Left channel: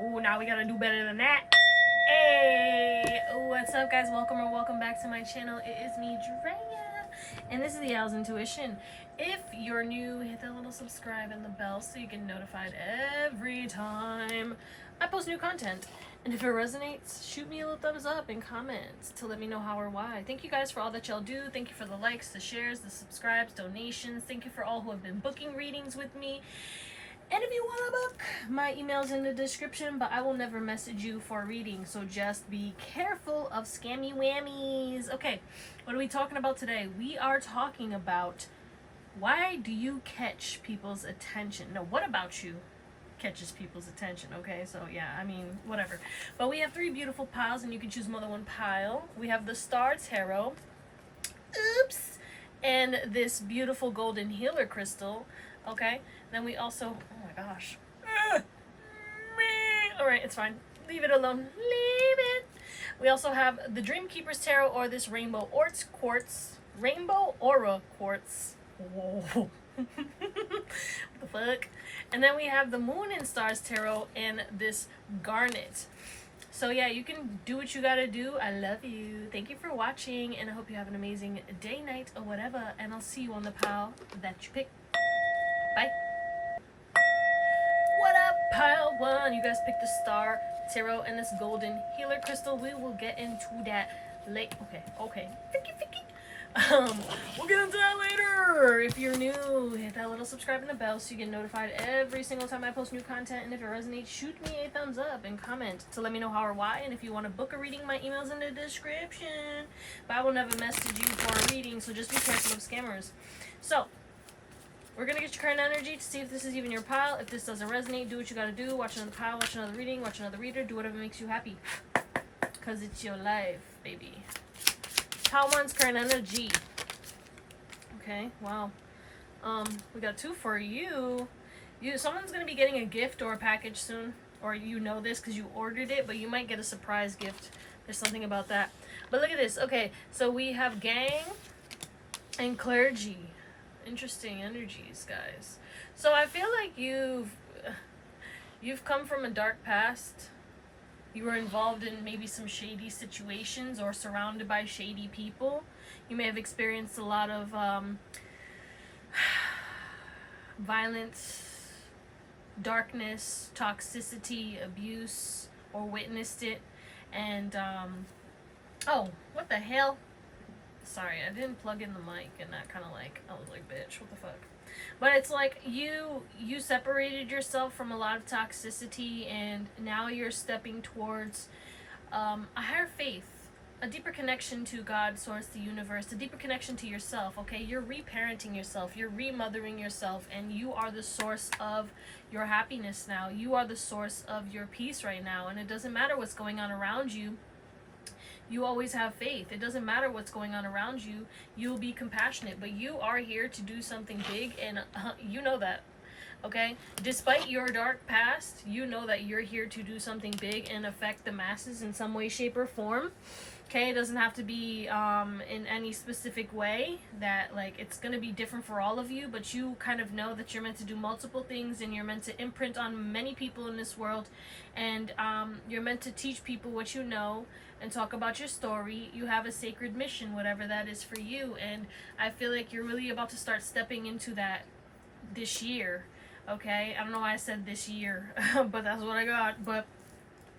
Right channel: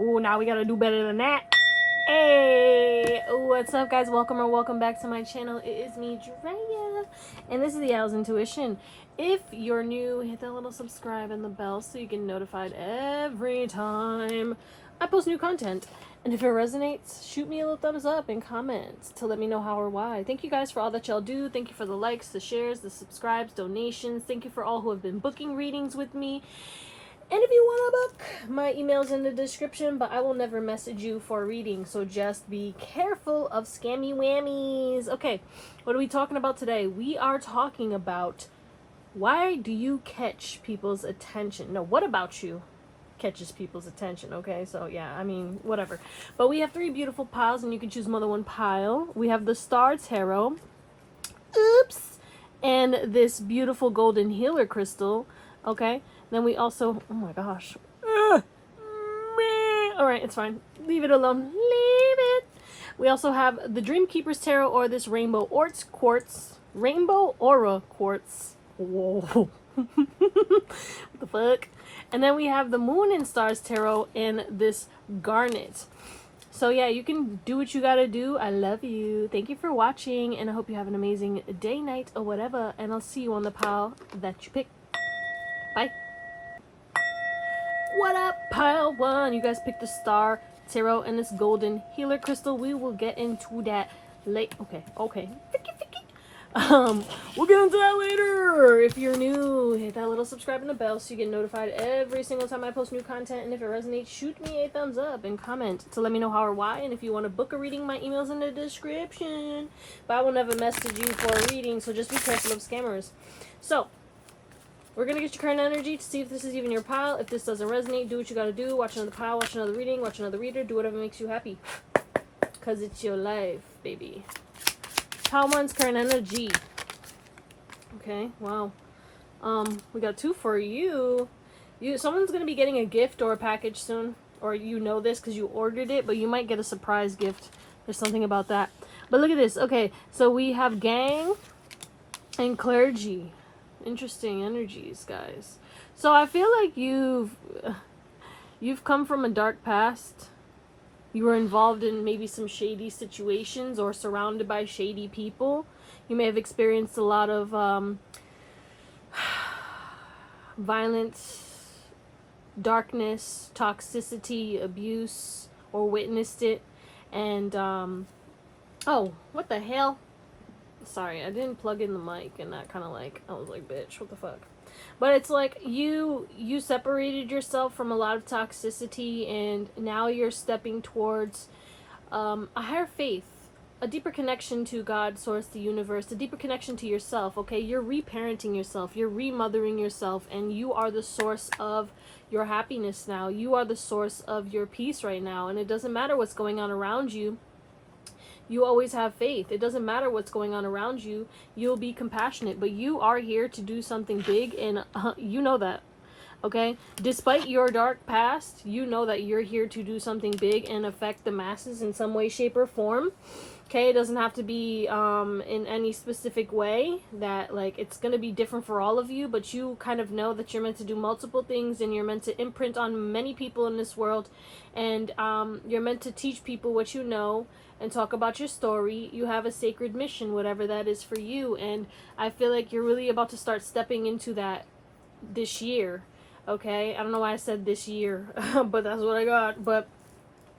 Ooh, now we gotta do better than that. Hey, what's up, guys? Welcome or welcome back to my channel. It is me, Drea, and this is Theowlsintuition. If you're new, hit that little subscribe and the bell so you get notified every time I post new content. And if it resonates, shoot me a little thumbs up and comment to let me know how or why. Thank you guys for all that y'all do. Thank you for the likes, the shares, the subscribes, donations. Thank you for all who have been booking readings with me. And if you want to book, my email's in the description, but I will never message you for a reading, so just be careful of scammy whammies. Okay, what are we talking about today? We are talking about why do you catch people's attention? No, what about you catches people's attention? Okay, so yeah, I mean, whatever. But we have three beautiful piles, and you can choose more than one pile. We have the Star Tarot. Oops. And this beautiful golden healer crystal. Okay, then we also, oh my gosh. Alright, it's fine. Leave it alone. Leave it. We also have the Dreamkeeper's Tarot, or this Rainbow Quartz. Rainbow Aura Quartz. Whoa. What the fuck? And then we have the Moon and Stars Tarot and this Garnet. So yeah, you can do what you gotta do. I love you. Thank you for watching, and I hope you have an amazing day, night, or whatever. And I'll see you on the pile that you pick. Bye. What up, pile one? You guys picked the Star Tarot and this golden healer crystal. We will get into that late. Okay. We'll get into that later. If you're new, hit that little subscribe and the bell so you get notified every single time I post new content. And if it resonates, shoot me a thumbs up and comment to let me know how or why. And if you want to book a reading, my email's in the description. But I will never message you for a reading, so just be careful of scammers. So we're going to get your current energy to see if this is even your pile. If this doesn't resonate, do what you got to do. Watch another pile, watch another reading, watch another reader. Do whatever makes you happy. Because it's your life, baby. Pile one's current energy. Okay, wow. We got two for you. Someone's going to be getting a gift or a package soon. Or you know this because you ordered it, but you might get a surprise gift. There's something about that. But look at this. Okay, so we have gang and clergy. Interesting energies, guys. So I feel like you've come from a dark past. You were involved in maybe some shady situations or surrounded by shady people. You may have experienced a lot of violence, darkness, toxicity, abuse, or witnessed it. And oh, what the hell? Sorry, I didn't plug in the mic, and that kind of like, I was like, bitch, what the fuck? But it's like you separated yourself from a lot of toxicity, and now you're stepping towards a higher faith, a deeper connection to God, source, the universe, a deeper connection to yourself, okay? You're reparenting yourself, you're remothering yourself, and you are the source of your happiness now. You are the source of your peace right now, and it doesn't matter what's going on around you. You always have faith. It doesn't matter what's going on around you. You'll be compassionate, but you are here to do something big, and you know that, okay? Despite your dark past, you know that you're here to do something big and affect the masses in some way, shape, or form. Okay, it doesn't have to be in any specific way that, like, it's going to be different for all of you, but you kind of know that you're meant to do multiple things, and you're meant to imprint on many people in this world, and you're meant to teach people what you know and talk about your story. You have a sacred mission, whatever that is for you, and I feel like you're really about to start stepping into that this year, okay? I don't know why I said this year, but that's what I got. But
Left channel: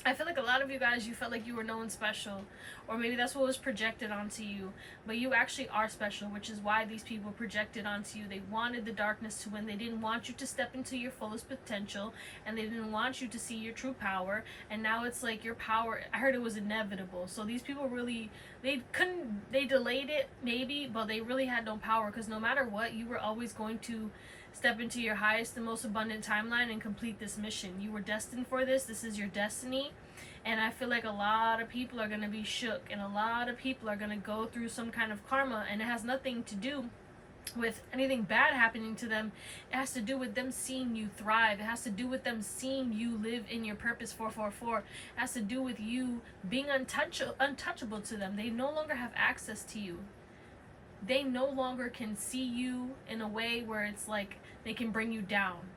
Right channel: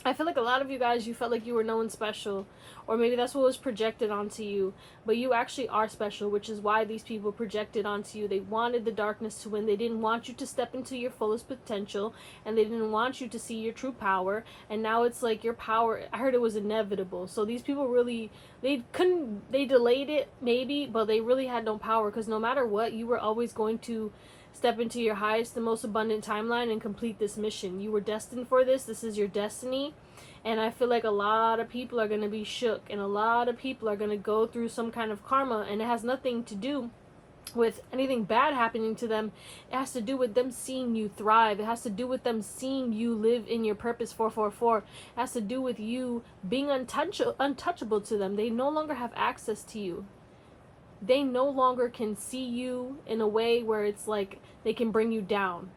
I feel like a lot of you guys, you felt like you were no one special, or maybe that's what was projected onto you, but you actually are special, which is why these people projected onto you. They wanted the darkness to win. They didn't want you to step into your fullest potential, and they didn't want you to see your true power, and now it's like your power, I heard it was inevitable. So these people really, they delayed it maybe, but they really had no power, because no matter what, you were always going to step into your highest and most abundant timeline and complete this mission. You were destined for this. This is your destiny. And I feel like a lot of people are going to be shook, and a lot of people are going to go through some kind of karma, and it has nothing to do with anything bad happening to them. It has to do with them seeing you thrive. It has to do with them seeing you live in your purpose 444. It has to do with you being untouchable to them. They no longer have access to you. They no longer can see you in a way where it's like they can bring you down.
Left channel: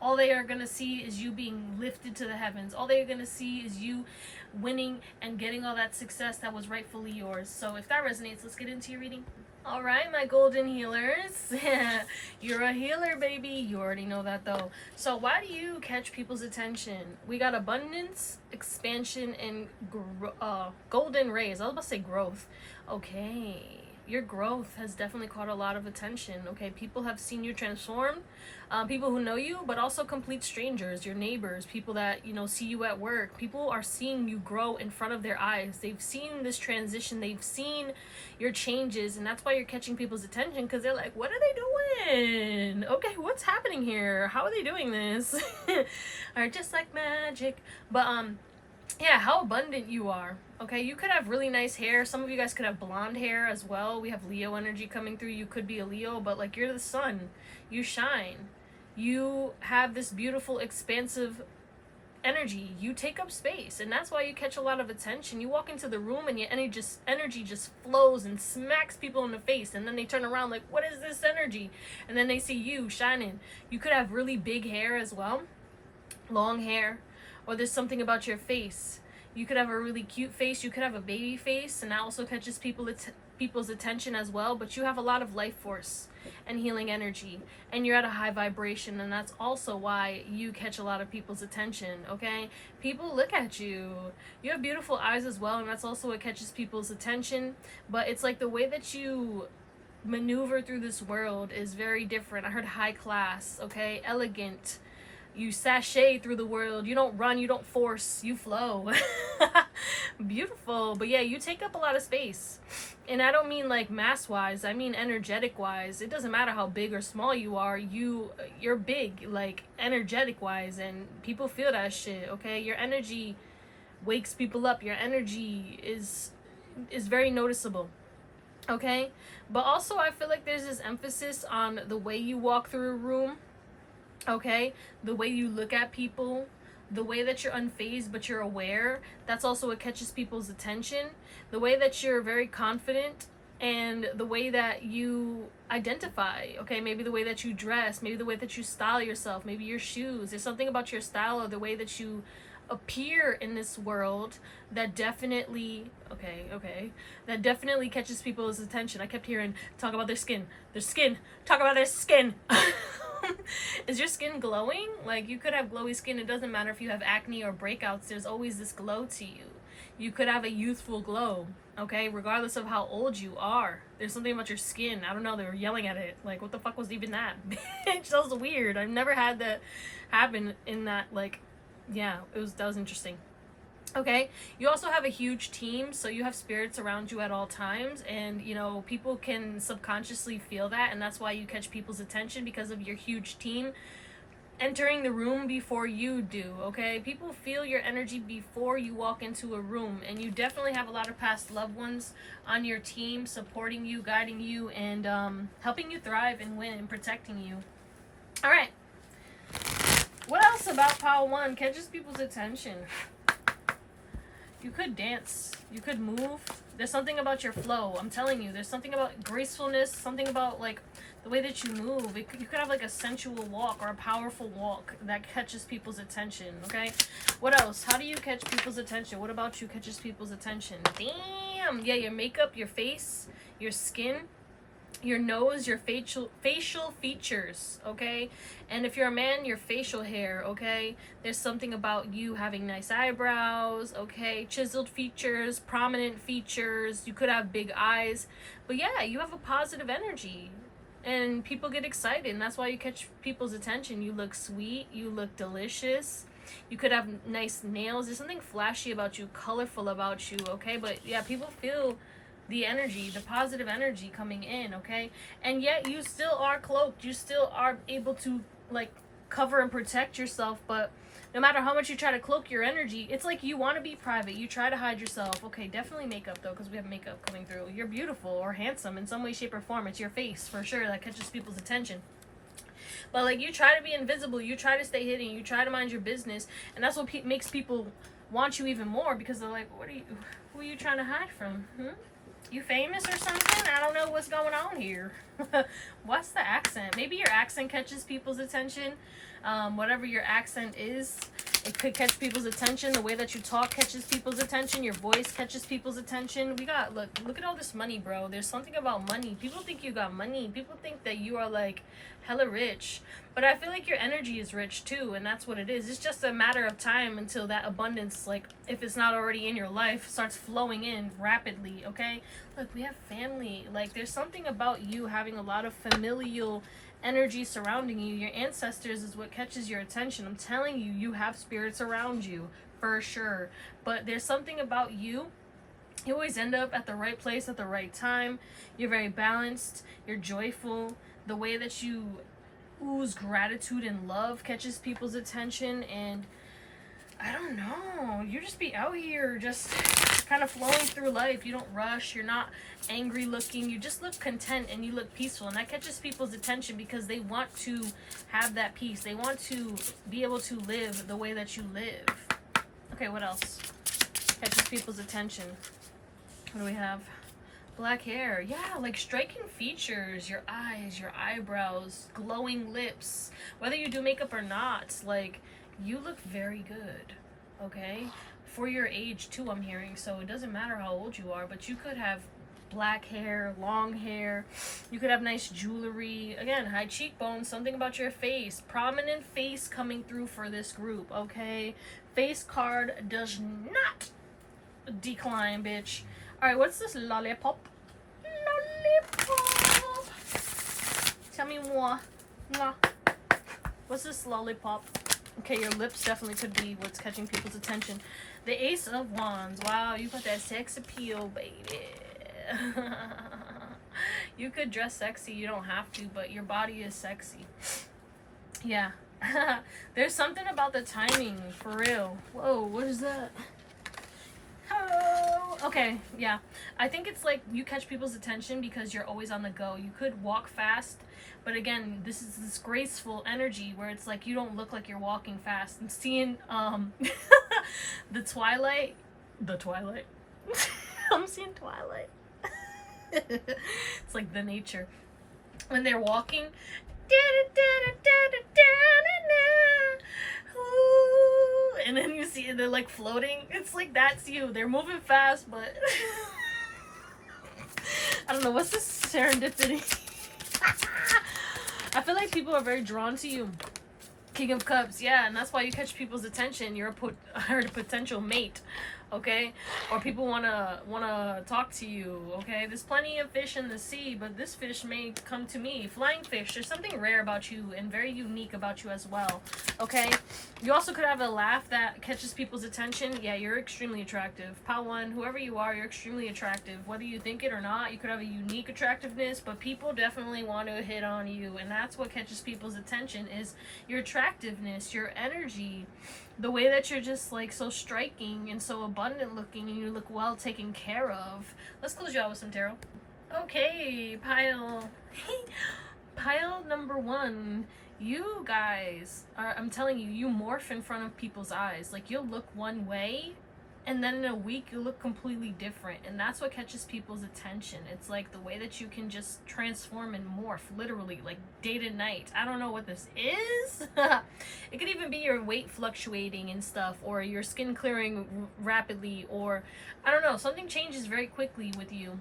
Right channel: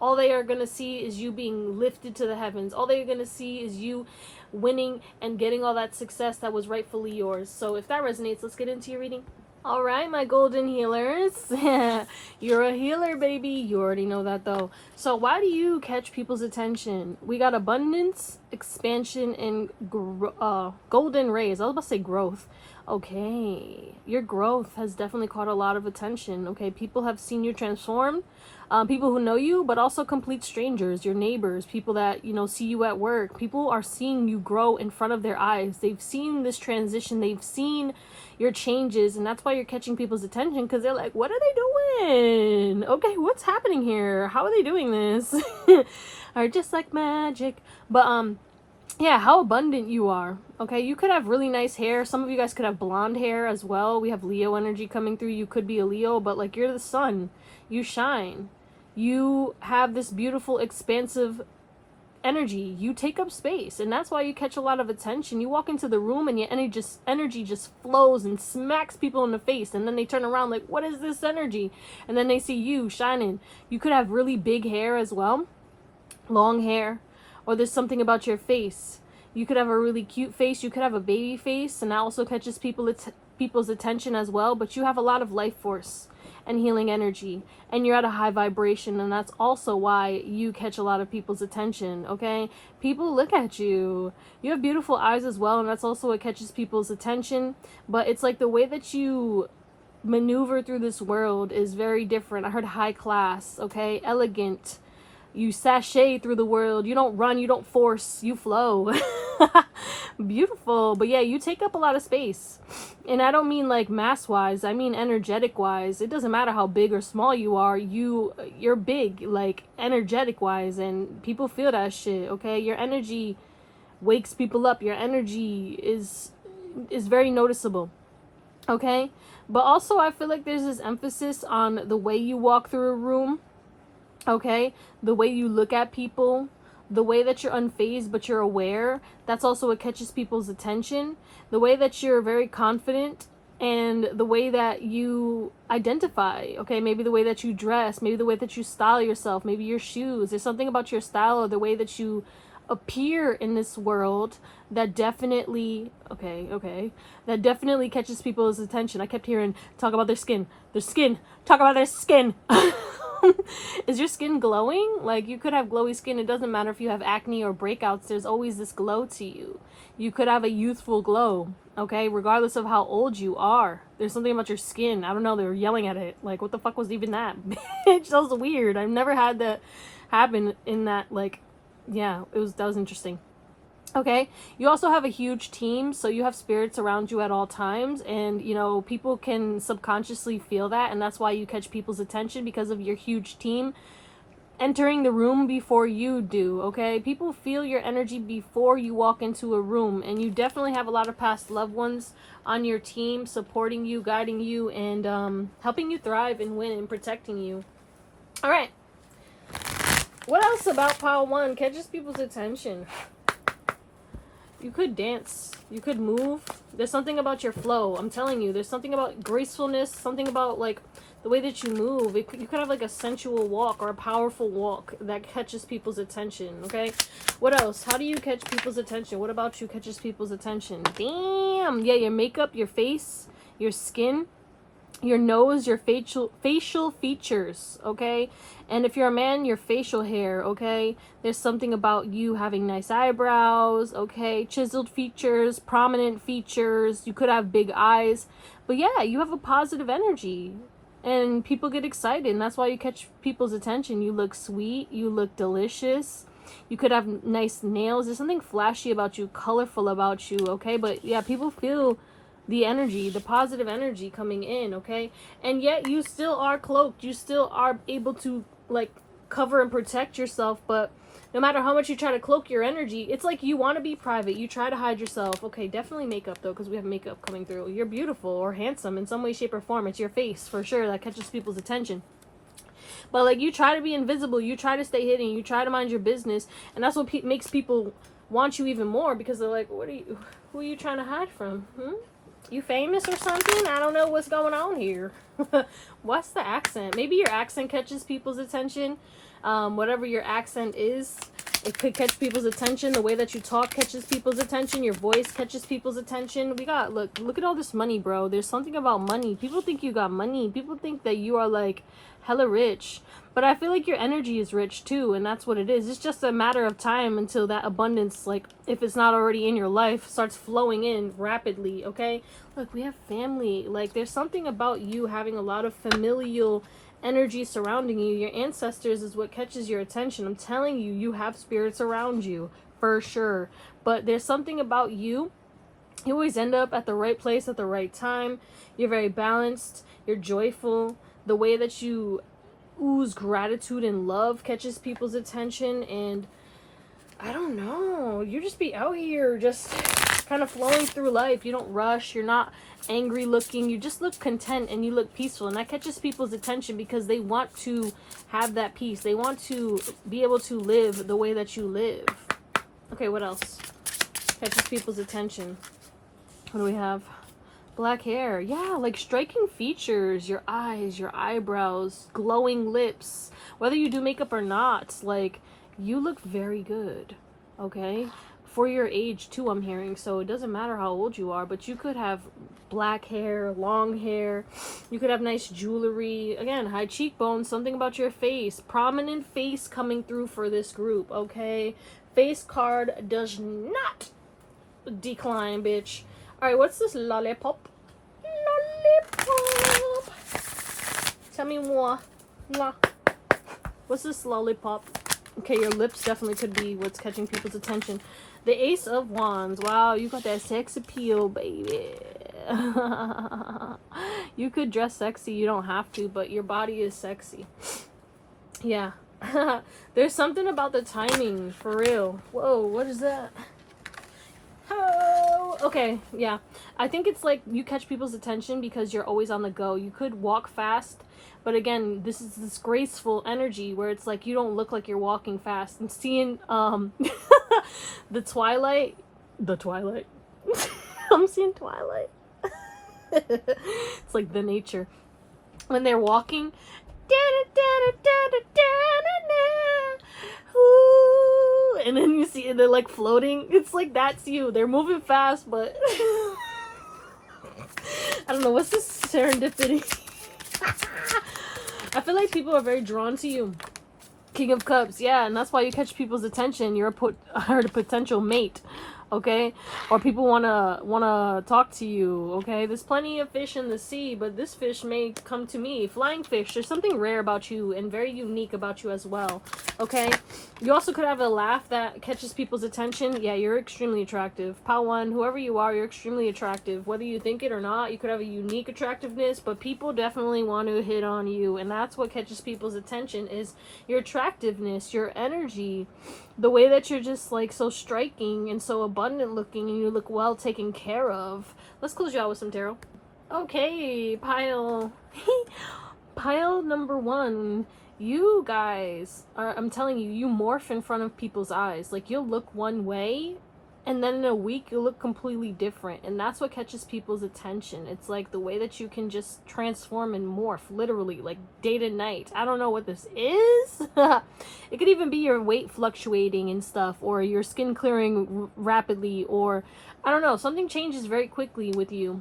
All they are going to see is you being lifted to the heavens. All they are going to see is you winning and getting all that success that was rightfully yours. So if that resonates, let's get into your reading. All right, my golden healers. You're a healer, baby. You already know that, though. So why do you catch people's attention? We got abundance, expansion, and golden rays. I was about to say growth. Okay. Your growth has definitely caught a lot of attention. Okay, people have seen you transform. People who know you, but also complete strangers, your neighbors, people that, you know, see you at work. People are seeing you grow in front of their eyes. They've seen this transition. They've seen your changes, and that's why you're catching people's attention, because they're like, what are they doing? Okay, what's happening here? How are they doing this? Or just like magic. But yeah, how abundant you are. Okay, you could have really nice hair. Some of you guys could have blonde hair as well. We have Leo energy coming through. You could be a Leo, but like, you're the sun. You shine. You have this beautiful, expansive energy. You take up space, and that's why you catch a lot of attention. You walk into the room and your energy just flows and smacks people in the face, and then they turn around like, what is this energy? And then they see you shining. You could have really big hair as well, long hair, or there's something about your face. You could have a really cute face. You could have a baby face, and that also catches people's attention as well. But you have a lot of life force and healing energy, and you're at a high vibration, and that's also why you catch a lot of people's attention. Okay, people look at you. You have beautiful eyes as well, and that's also what catches people's attention. But it's like the way that you maneuver through this world is very different. I heard high class. Okay, elegant. You sashay through the world. You don't run, you don't force, you flow. Beautiful. But yeah, you take up a lot of space. And I don't mean like mass wise, I mean energetic wise. It doesn't matter how big or small you are, you're big, like energetic wise, and people feel that shit. Okay, your energy wakes people up. Your energy is very noticeable. Okay, but also I feel like there's this emphasis on the way you walk through a room. Okay, the way you look at people, the way that you're unfazed but you're aware, that's also what catches people's attention. The way that you're very confident, and the way that you identify. Okay, maybe the way that you dress, maybe the way that you style yourself, maybe your shoes. There's something about your style or the way that you appear in this world that definitely that definitely catches people's attention. I kept hearing talk about their skin, talk about their skin. Is your skin glowing? Like, you could have glowy skin. It doesn't matter if you have acne or breakouts. There's always this glow to you. You could have a youthful glow, okay, regardless of how old you are. There's something about your skin. I don't know, they were yelling at it. Like, what the fuck was even that? Bitch, that was weird. I've never had that happen in that, like, yeah, that was interesting. Okay, you also have a huge team, so you have spirits around you at all times, and you know, people can subconsciously feel that, and that's why you catch people's attention, because of your huge team entering the room before you do. Okay, people feel your energy before you walk into a room, and you definitely have a lot of past loved ones on your team supporting you, guiding you, and helping you thrive and win and protecting you. All right, what else about pile 1 catches people's attention? You could dance. You could move. There's something about your flow. I'm telling you, there's something about gracefulness, something about like the way that you move. You could have like a sensual walk or a powerful walk that catches people's attention. Okay, what else? How do you catch people's attention? What about you catches people's attention? Damn. Yeah, your makeup, your face, your skin, your nose, your facial features, okay? And if you're a man, your facial hair, okay? There's something about you having nice eyebrows, okay? Chiseled features, prominent features. You could have big eyes. But yeah, you have a positive energy. And people get excited, and that's why you catch people's attention. You look sweet. You look delicious. You could have nice nails. There's something flashy about you, colorful about you, okay? But yeah, people feel the energy, the positive energy coming in, okay? And yet you still are cloaked. You still are able to like cover and protect yourself, but no matter how much you try to cloak your energy, it's like you want to be private. You try to hide yourself. Okay, definitely makeup though, because we have makeup coming through. You're beautiful or handsome in some way, shape, or form. It's your face for sure that catches people's attention. But like, you try to be invisible. You try to stay hidden. You try to mind your business, and that's what makes people want you even more, because they're like, who are you trying to hide from? You famous or something? I don't know what's going on here. What's the accent? Maybe your accent catches people's attention. Whatever your accent is, it could catch people's attention. The way that you talk catches people's attention. Your voice catches people's attention. We got, look at all this money, bro. There's something about money. People think you got money. People think that you are like hella rich. But I feel like your energy is rich too, and that's what it is. It's just a matter of time until that abundance, like if it's not already in your life, starts flowing in rapidly, okay? Look, we have family. Like there's something about you having a lot of familial energy surrounding you. Your ancestors is what catches your attention. I'm telling you, you have spirits around you for sure. But there's something about you. You always end up at the right place at the right time. You're very balanced. You're joyful. The way that you ooze gratitude and love catches people's attention. And I don't know, you just be out here just kind of flowing through life. You don't rush. You're not angry looking. You just look content and you look peaceful, and that catches people's attention because they want to have that peace. They want to be able to live the way that you live. Okay, what else catches people's attention? What do we have? Black hair. Yeah, like striking features. Your eyes, your eyebrows, glowing lips. Whether you do makeup or not, like you look very good, okay? For your age too, I'm hearing. So it doesn't matter how old you are, but you could have black hair, long hair. You could have nice jewelry. Again, high cheekbones, something about your face. Prominent face coming through for this group, okay? Face card does not decline, bitch. Alright, what's this lollipop? Lollipop. Tell me more. No. What's this lollipop? Okay, your lips definitely could be what's catching people's attention. The Ace of Wands. Wow, you got that sex appeal, baby. You could dress sexy. You don't have to, but your body is sexy. Yeah. There's something about the timing, for real. Whoa, what is that? Oh, okay, yeah. I think it's like you catch people's attention because you're always on the go. You could walk fast, but again, this is this graceful energy where it's like you don't look like you're walking fast. And seeing the Twilight. I'm seeing Twilight. It's like the nature. When they're walking, and then you see they're like floating. It's like that's you. They're moving fast, but I don't know, what's this serendipity? I feel like people are very drawn to you. King of Cups, yeah, and that's why you catch people's attention. You're a potential mate, okay? Or people wanna talk to you, okay? There's plenty of fish in the sea, but this fish may come to me. Flying fish. There's something rare about you and very unique about you as well, okay? You also could have a laugh that catches people's attention. Yeah, you're extremely attractive. Pal one, whoever you are, you're extremely attractive. Whether you think it or not, you could have a unique attractiveness, but people definitely want to hit on you, and that's what catches people's attention is your attractiveness, your energy, the way that you're just like so striking and so abundant looking, and you look well taken care of. Let's close you out with some tarot. Okay, pile pile number 1. You guys are, I'm telling you, you morph in front of people's eyes. Like you'll look one way and then in a week you'll look completely different, and that's what catches people's attention. It's like the way that you can just transform and morph, literally, like day to night. I don't know what this is. It could even be your weight fluctuating and stuff, or your skin clearing rapidly, or I don't know, something changes very quickly with you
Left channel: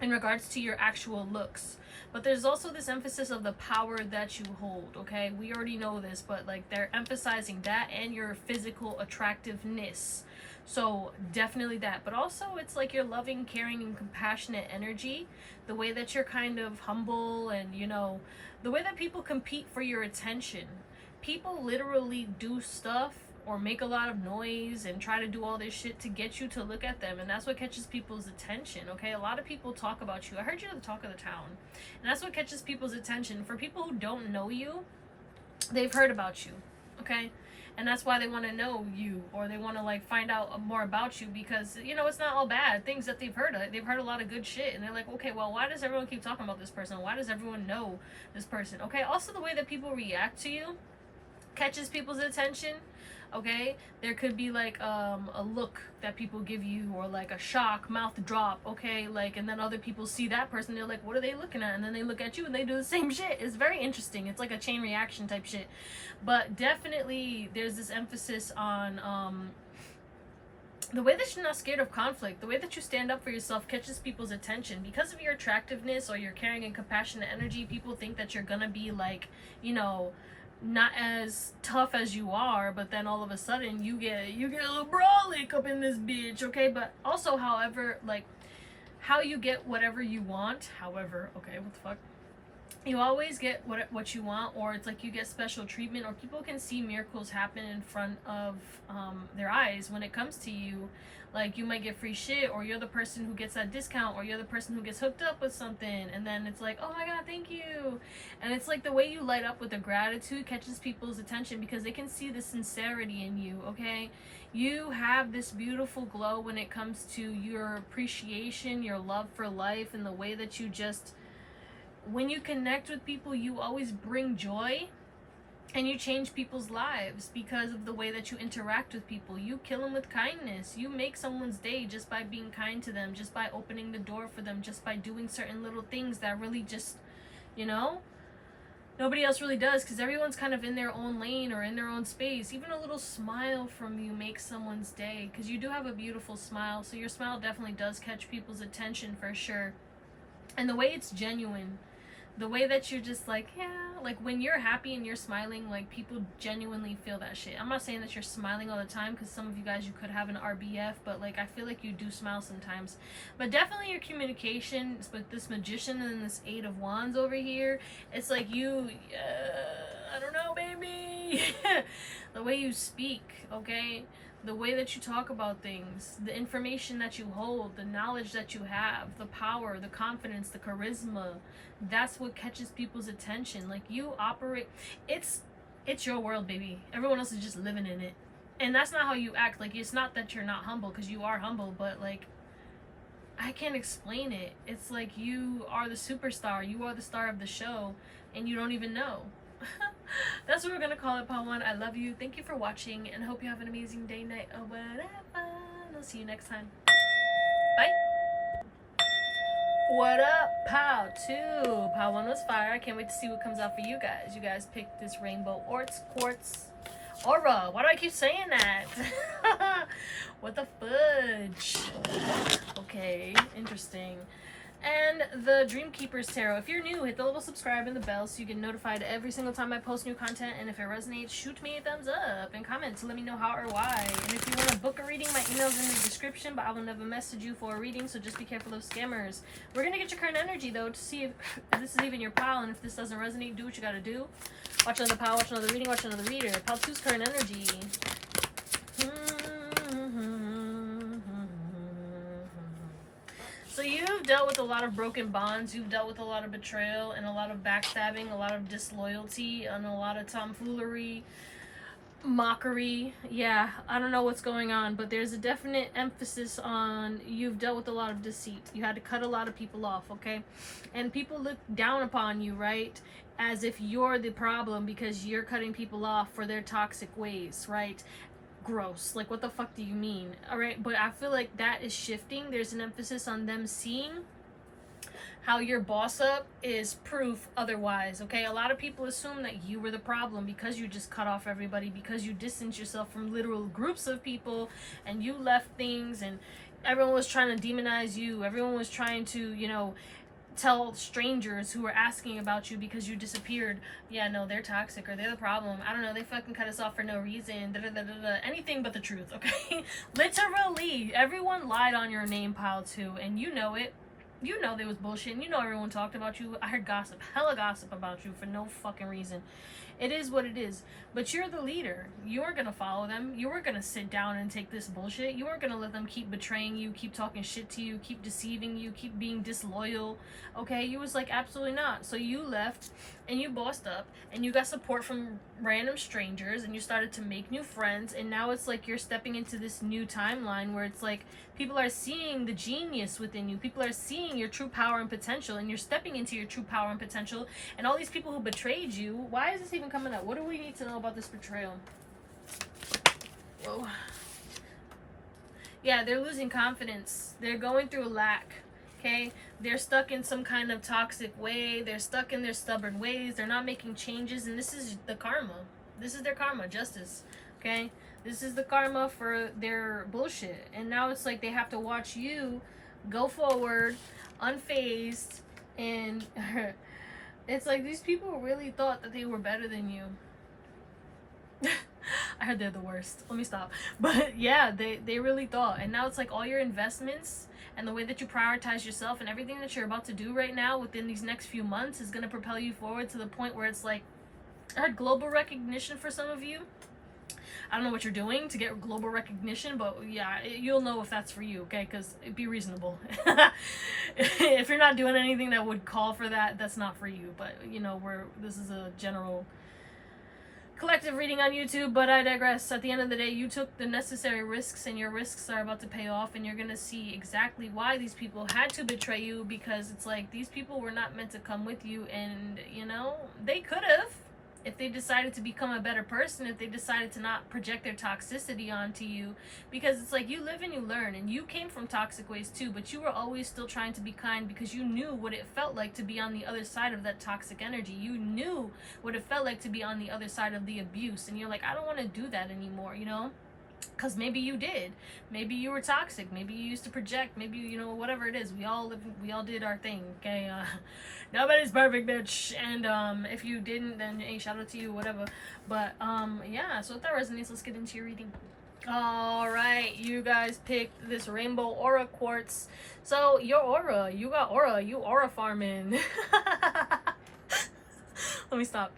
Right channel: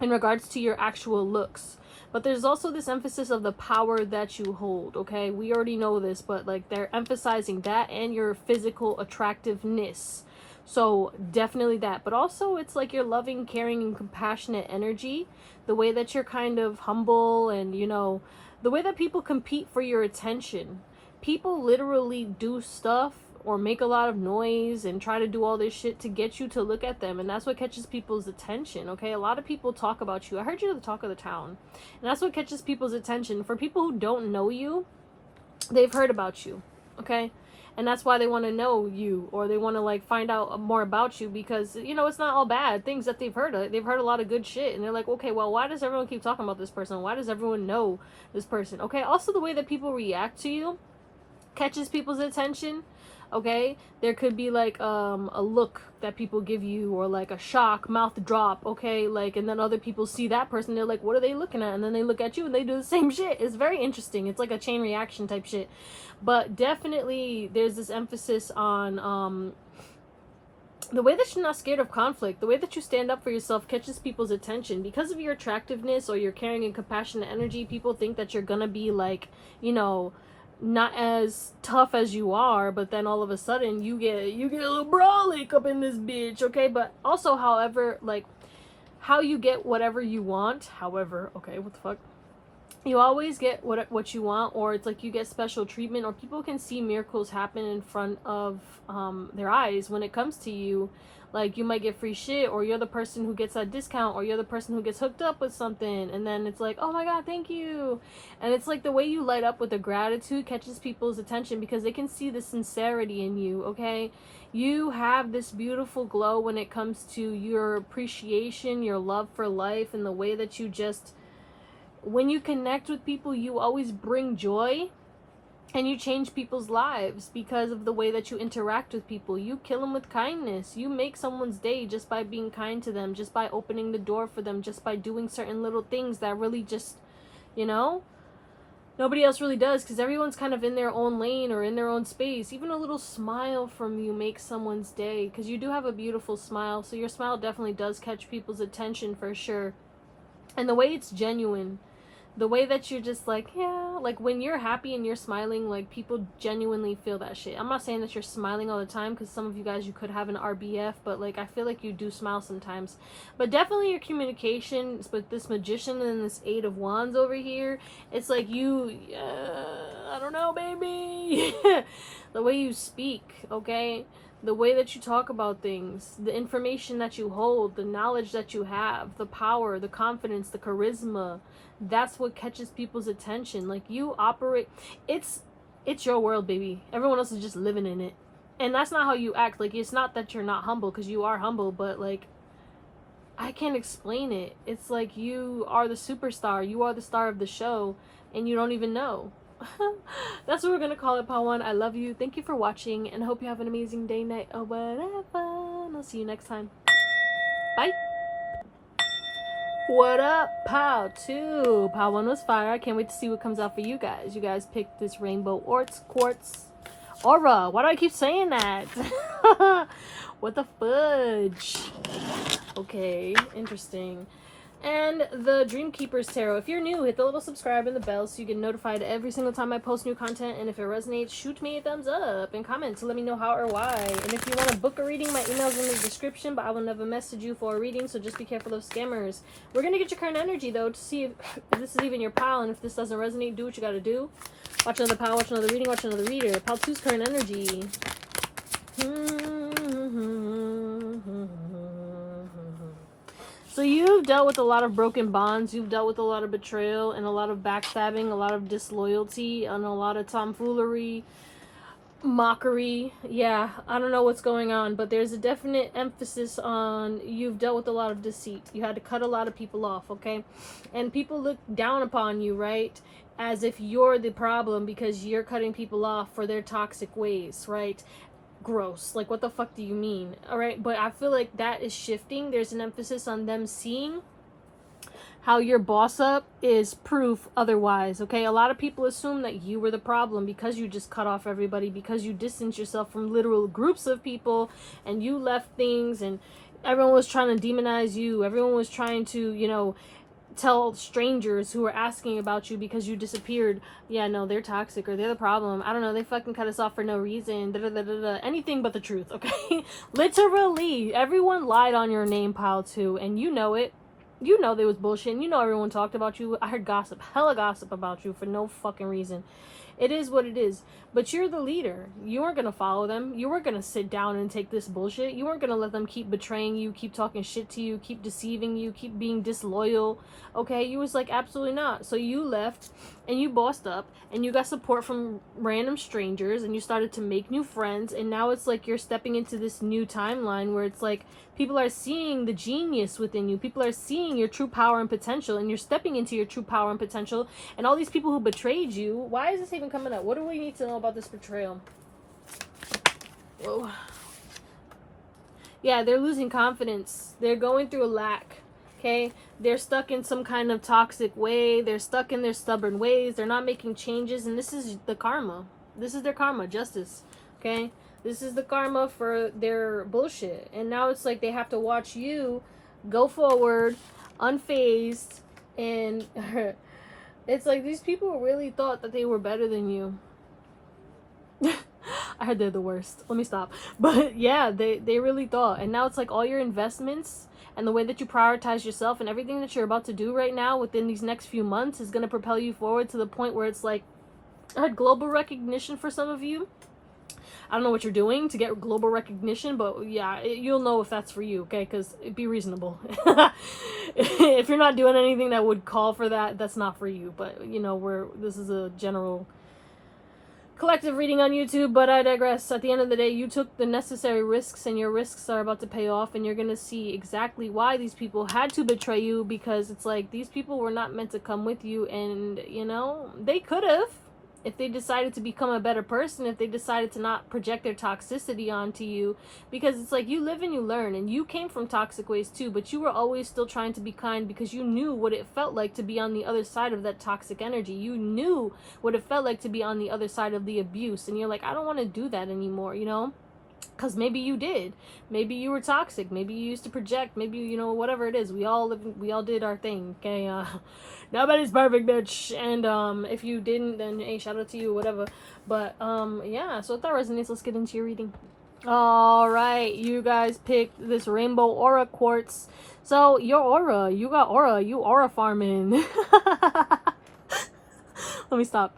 in regards to your actual looks. But there's also this emphasis of the power that you hold, okay? We already know this, but like they're emphasizing that and your physical attractiveness. So definitely that. But also it's like your loving, caring, and compassionate energy. The way that you're kind of humble, and you know, the way that people compete for your attention. People literally do stuff or make a lot of noise and try to do all this shit to get you to look at them, and that's what catches people's attention, okay? A lot of people talk about you. I heard you're the talk of the town, and that's what catches people's attention. For people who don't know you, they've heard about you, okay? And that's why they want to know you, or they want to like find out more about you, because you know it's not all bad things that they've heard. They've heard a lot of good shit, and they're like, okay, well, why does everyone keep talking about this person? Why does everyone know this person? Okay, also the way that people react to you catches people's attention. Okay, there could be like a look that people give you, or like a shock mouth drop. Okay, like, and then other people see that person, they're like, what are they looking at? And then they look at you and they do the same shit. It's very interesting. It's like a chain reaction type shit. But definitely there's this emphasis on the way that you're not scared of conflict, the way that you stand up for yourself catches people's attention. Because of your attractiveness or your caring and compassionate energy, people think that you're gonna be like, you know, not as tough as you are, but then all of a sudden you get a little brolic up in this bitch. Okay, but also, however, like, how you get whatever you want, however, okay, what the fuck, you always get what you want, or it's like you get special treatment, or people can see miracles happen in front of their eyes when it comes to you. Like, you might get free shit, or you're the person who gets that discount, or you're the person who gets hooked up with something, and then it's like, oh my god, thank you. And it's like the way you light up with the gratitude catches people's attention, because they can see the sincerity in you. Okay, you have this beautiful glow when it comes to your appreciation, your love for life, and the way that you just, when you connect with people, you always bring joy, and you change people's lives because of the way that you interact with people. You kill them with kindness. You make someone's day just by being kind to them, just by opening the door for them, just by doing certain little things that really just, you know, nobody else really does, because everyone's kind of in their own lane or in their own space. Even a little smile from you makes someone's day, because you do have a beautiful smile. So your smile definitely does catch people's attention for sure. And the way it's genuine, the way that you're just like, yeah, like when you're happy and you're smiling, like people genuinely feel that shit. I'm not saying that you're smiling all the time, because some of you guys, you could have an RBF, but like I feel like you do smile sometimes. But definitely your communication with this Magician and this Eight of Wands over here, it's like you, I don't know, baby. The way you speak, okay? The way that you talk about things, the information that you hold, the knowledge that you have, the power, the confidence, the charisma, that's what catches people's attention. Like, you operate, it's your world, baby. Everyone else is just living in it. And that's not how you act. Like, it's not that you're not humble, because you are humble, but like, I can't explain it. It's like you are the superstar, you are the star of the show, and you don't even know. That's what we're gonna call it, Pawan. I love you. Thank you for watching, and hope you have an amazing day, night, or whatever. And I'll see you next time. Bye. What up, Pow 2? Pow 1 was fire. I can't wait to see what comes out for you guys. You guys picked this rainbow quartz aura. Why do I keep saying that? What the fudge? Okay, interesting. And the Dreamkeeper's Tarot. If you're new, hit the little subscribe and the bell so you get notified every single time I post new content. And if it resonates, shoot me a thumbs up and comment to let me know how or why. And if you want to book a reading, my email's in the description, but I will never message you for a reading, so just be careful of scammers. We're going to get your current energy, though, to see if this is even your pile. And if this doesn't resonate, do what you got to do. Watch another pile, watch another reading, watch another reader. Pile 2's current energy. So you've dealt with a lot of broken bonds, you've dealt with a lot of betrayal and a lot of backstabbing, a lot of disloyalty, and a lot of tomfoolery, mockery. Yeah, I don't know what's going on, but there's a definite emphasis on you've dealt with a lot of deceit. You had to cut a lot of people off, okay? And people look down upon you, right? As if you're the problem because you're cutting people off for their toxic ways, right? Gross. Like, what the fuck do you mean? All right, but I feel like that is shifting. There's an emphasis on them seeing how your boss up is proof otherwise. Okay, a lot of people assume that you were the problem because you just cut off everybody, because you distanced yourself from literal groups of people and you left things, and everyone was trying to demonize you. Everyone was trying to, you know, tell strangers who were asking about you because you disappeared, yeah, no, they're toxic, or they're the problem. I don't know, they fucking cut us off for no reason. Da, da, da, da, da. Anything but the truth, okay? Literally, everyone lied on your name, Pile 2, and you know it. You know there was bullshit, and you know everyone talked about you. I heard gossip, hella gossip about you for no fucking reason. It is what it is. But you're the leader. You weren't going to follow them. You weren't going to sit down and take this bullshit. You weren't going to let them keep betraying you, keep talking shit to you, keep deceiving you, keep being disloyal. Okay? You was like, absolutely not. So you left and you bossed up and you got support from random strangers and you started to make new friends. And now it's like you're stepping into this new timeline where it's like people are seeing the genius within you. People are seeing your true power and potential, and you're stepping into your true power and potential. And all these people who betrayed you, why is this even coming up? What do we need to know about this betrayal? Whoa. Yeah, they're losing confidence. They're going through a lack. Okay? They're stuck in some kind of toxic way. They're stuck in their stubborn ways. They're not making changes. And this is the karma. This is their karma. Justice. Okay? This is the karma for their bullshit. And now it's like they have to watch you go forward, unfazed. And it's like these people really thought that they were better than you. I heard they're the worst. Let me stop. But yeah, they really thought. And now it's like all your investments and the way that you prioritize yourself and everything that you're about to do right now within these next few months is going to propel you forward to the point where it's like, I had global recognition for some of you. I don't know what you're doing to get global recognition, but yeah, you'll know if that's for you, okay? Because be reasonable. If you're not doing anything that would call for that, that's not for you. But, you know, this is a general collective reading on YouTube, but I digress. At the end of the day, you took the necessary risks, and your risks are about to pay off, and you're going to see exactly why these people had to betray you, because it's like these people were not meant to come with you, and, you know, they could have. If they decided to become a better person, if they decided to not project their toxicity onto you, because it's like you live and you learn, and you came from toxic ways too, but you were always still trying to be kind because you knew what it felt like to be on the other side of that toxic energy. You knew what it felt like to be on the other side of the abuse, and you're like, I don't want to do that anymore, you know? Because maybe you did. Maybe you were toxic. Maybe you used to project. Maybe, you know, whatever it is. We all did our thing, okay? Nobody's perfect, bitch. And if you didn't, then hey, shout out to you, whatever. But yeah, so if that resonates, let's get into your reading. All right, you guys picked this rainbow aura quartz. So your aura, you got aura. You aura farming. Let me stop.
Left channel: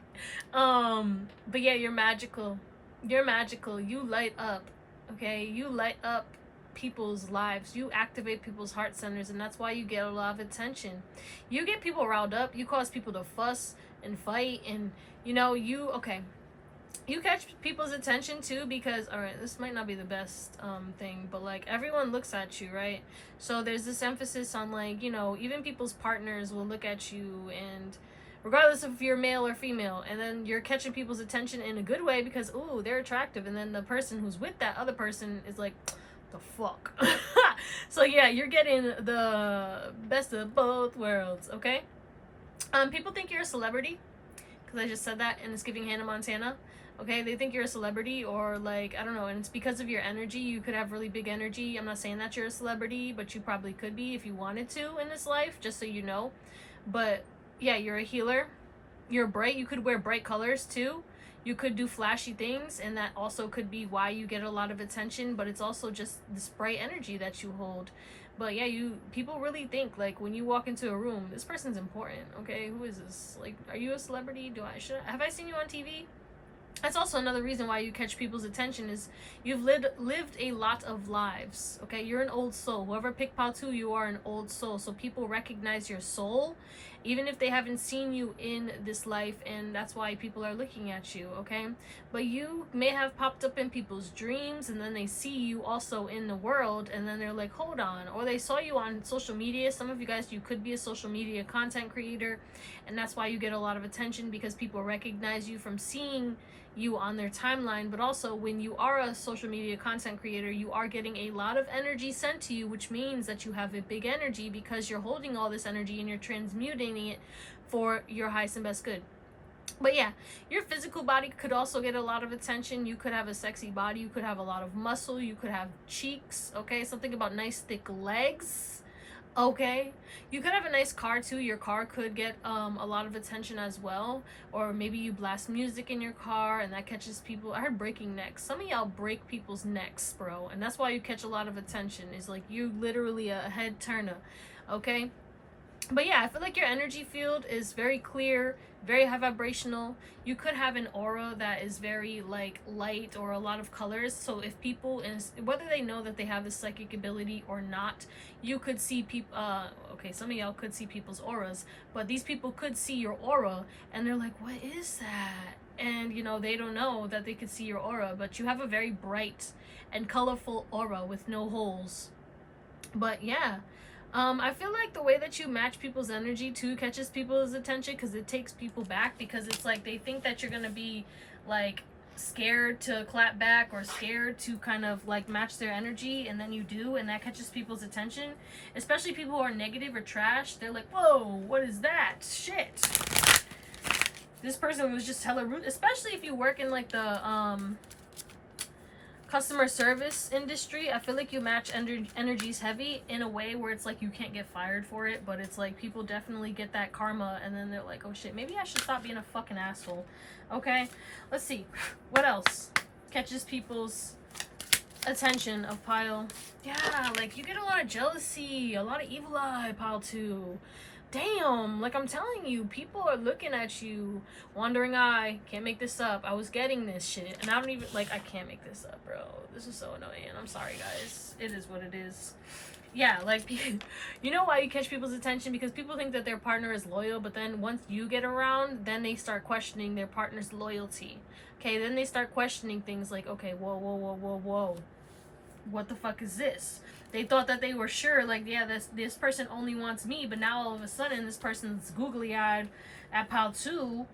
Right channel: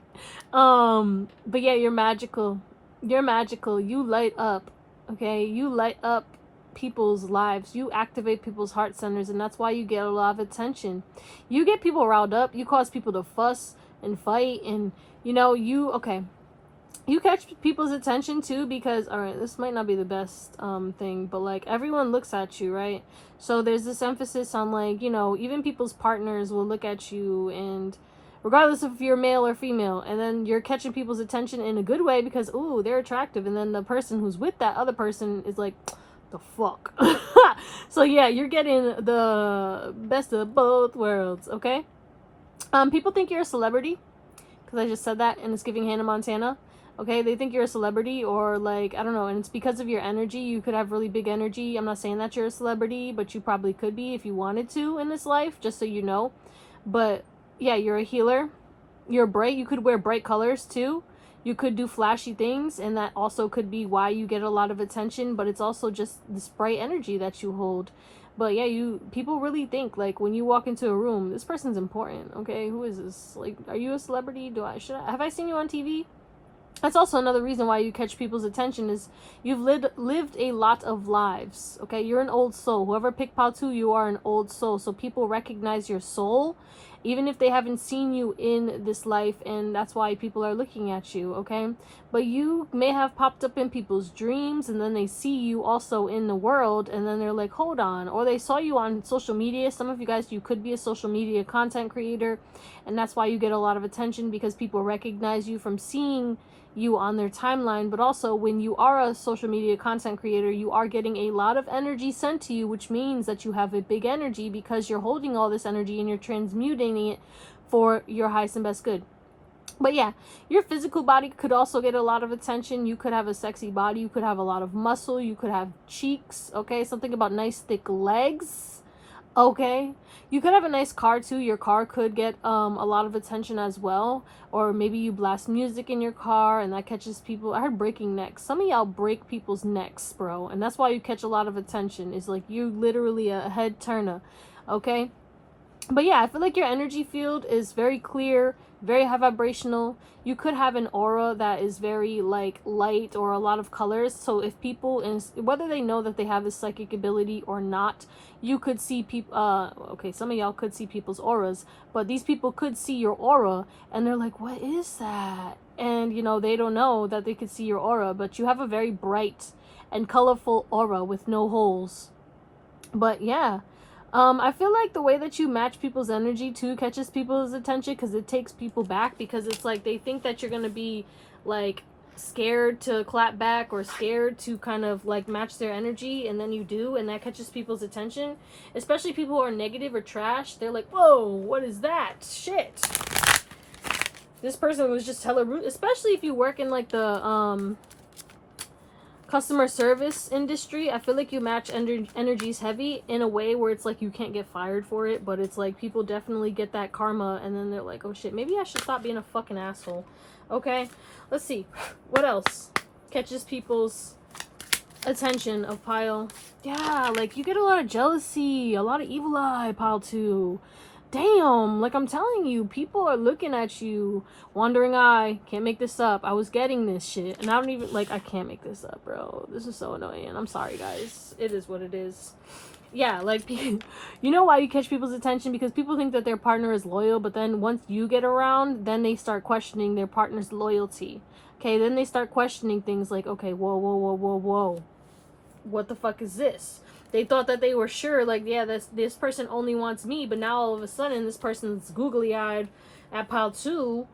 But yeah, you're magical. You're magical. You light up. Okay, you light up people's lives. You activate people's heart centers, and that's why you get a lot of attention. You get people riled up. You cause people to fuss and fight, and you know, you catch people's attention too, because all right, this might not be the best thing, but like everyone looks at you, right? So there's this emphasis on, like, you know, even people's partners will look at you, and regardless if you're male or female, and then you're catching people's attention in a good way because, ooh, they're attractive, and then the person who's with that other person is like, the fuck. So yeah, you're getting the best of both worlds, okay? People think you're a celebrity, because I just said that, and it's giving Hannah Montana. Okay, they think you're a celebrity, or like, I don't know, and it's because of your energy. You could have really big energy. I'm not saying that you're a celebrity, but you probably could be if you wanted to in this life, just so you know. But yeah, you're a healer. You're bright. You could wear bright colors too. You could do flashy things, and that also could be why you get a lot of attention, but it's also just this bright energy that you hold. But yeah, people really think, like, when you walk into a room, this person's important, okay? Who is this? Like, are you a celebrity? Have I seen you on TV? That's also another reason why you catch people's attention, is you've lived a lot of lives, okay? You're an old soul. Whoever picked Patu, you are an old soul. So people recognize your soul, even if they haven't seen you in this life, and that's why people are looking at you, okay? But you may have popped up in people's dreams, and then they see you also in the world, and then they're like, hold on. Or they saw you on social media. Some of you guys, you could be a social media content creator, and that's why you get a lot of attention, because people recognize you from seeing you on their timeline. But also, when you are a social media content creator, you are getting a lot of energy sent to you, which means that you have a big energy, because you're holding all this energy and you're transmuting it for your highest and best good. But yeah, your physical body could also get a lot of attention. You could have a sexy body. You could have a lot of muscle. You could have cheeks, okay? Something about nice thick legs, okay? You could have a nice car too. Your car could get a lot of attention as well. Or maybe you blast music in your car, and that catches people. I heard breaking necks. Some of y'all break people's necks, bro. And that's why you catch a lot of attention. It's like you literally a head turner, okay? But yeah, I feel like your energy field is very clear, very high vibrational. You could have an aura that is very like light, or a lot of colors. So if people, and whether they know that they have this psychic ability or not, you could see people, okay, some of y'all could see people's auras, but these people could see your aura, and they're like, what is that? And you know, they don't know that they could see your aura, but you have a very bright and colorful aura with no holes. But yeah, I feel like the way that you match people's energy too catches people's attention, because it takes people back, because it's like they think that you're gonna be like scared to clap back or scared to kind of like match their energy, and then you do, and that catches people's attention, especially people who are negative or trash. They're like, whoa, what is that shit? This person was just hella rude, especially if you work in like the customer service industry. I feel like you match energies heavy in a way where it's like you can't get fired for it, but it's like people definitely get that karma, and then they're like, oh shit, maybe I should stop being a fucking asshole. Okay, let's see what else catches people's attention of pile. Yeah, like you get a lot of jealousy, a lot of evil eye, pile 2. Damn, like I'm telling you, people are looking at you, wandering eye, can't make this up. I was getting this shit, and I don't even, like, I can't make this up, bro. This is so annoying. I'm sorry, guys. It is what it is. Yeah, like, you know why you catch people's attention? Because people think that their partner is loyal, but then once you get around, then they start questioning their partner's loyalty. Okay, then they start questioning things like, okay, whoa. What the fuck is this? They thought that they were sure, like, yeah, this person only wants me, but now all of a sudden this person's googly-eyed at pile 2.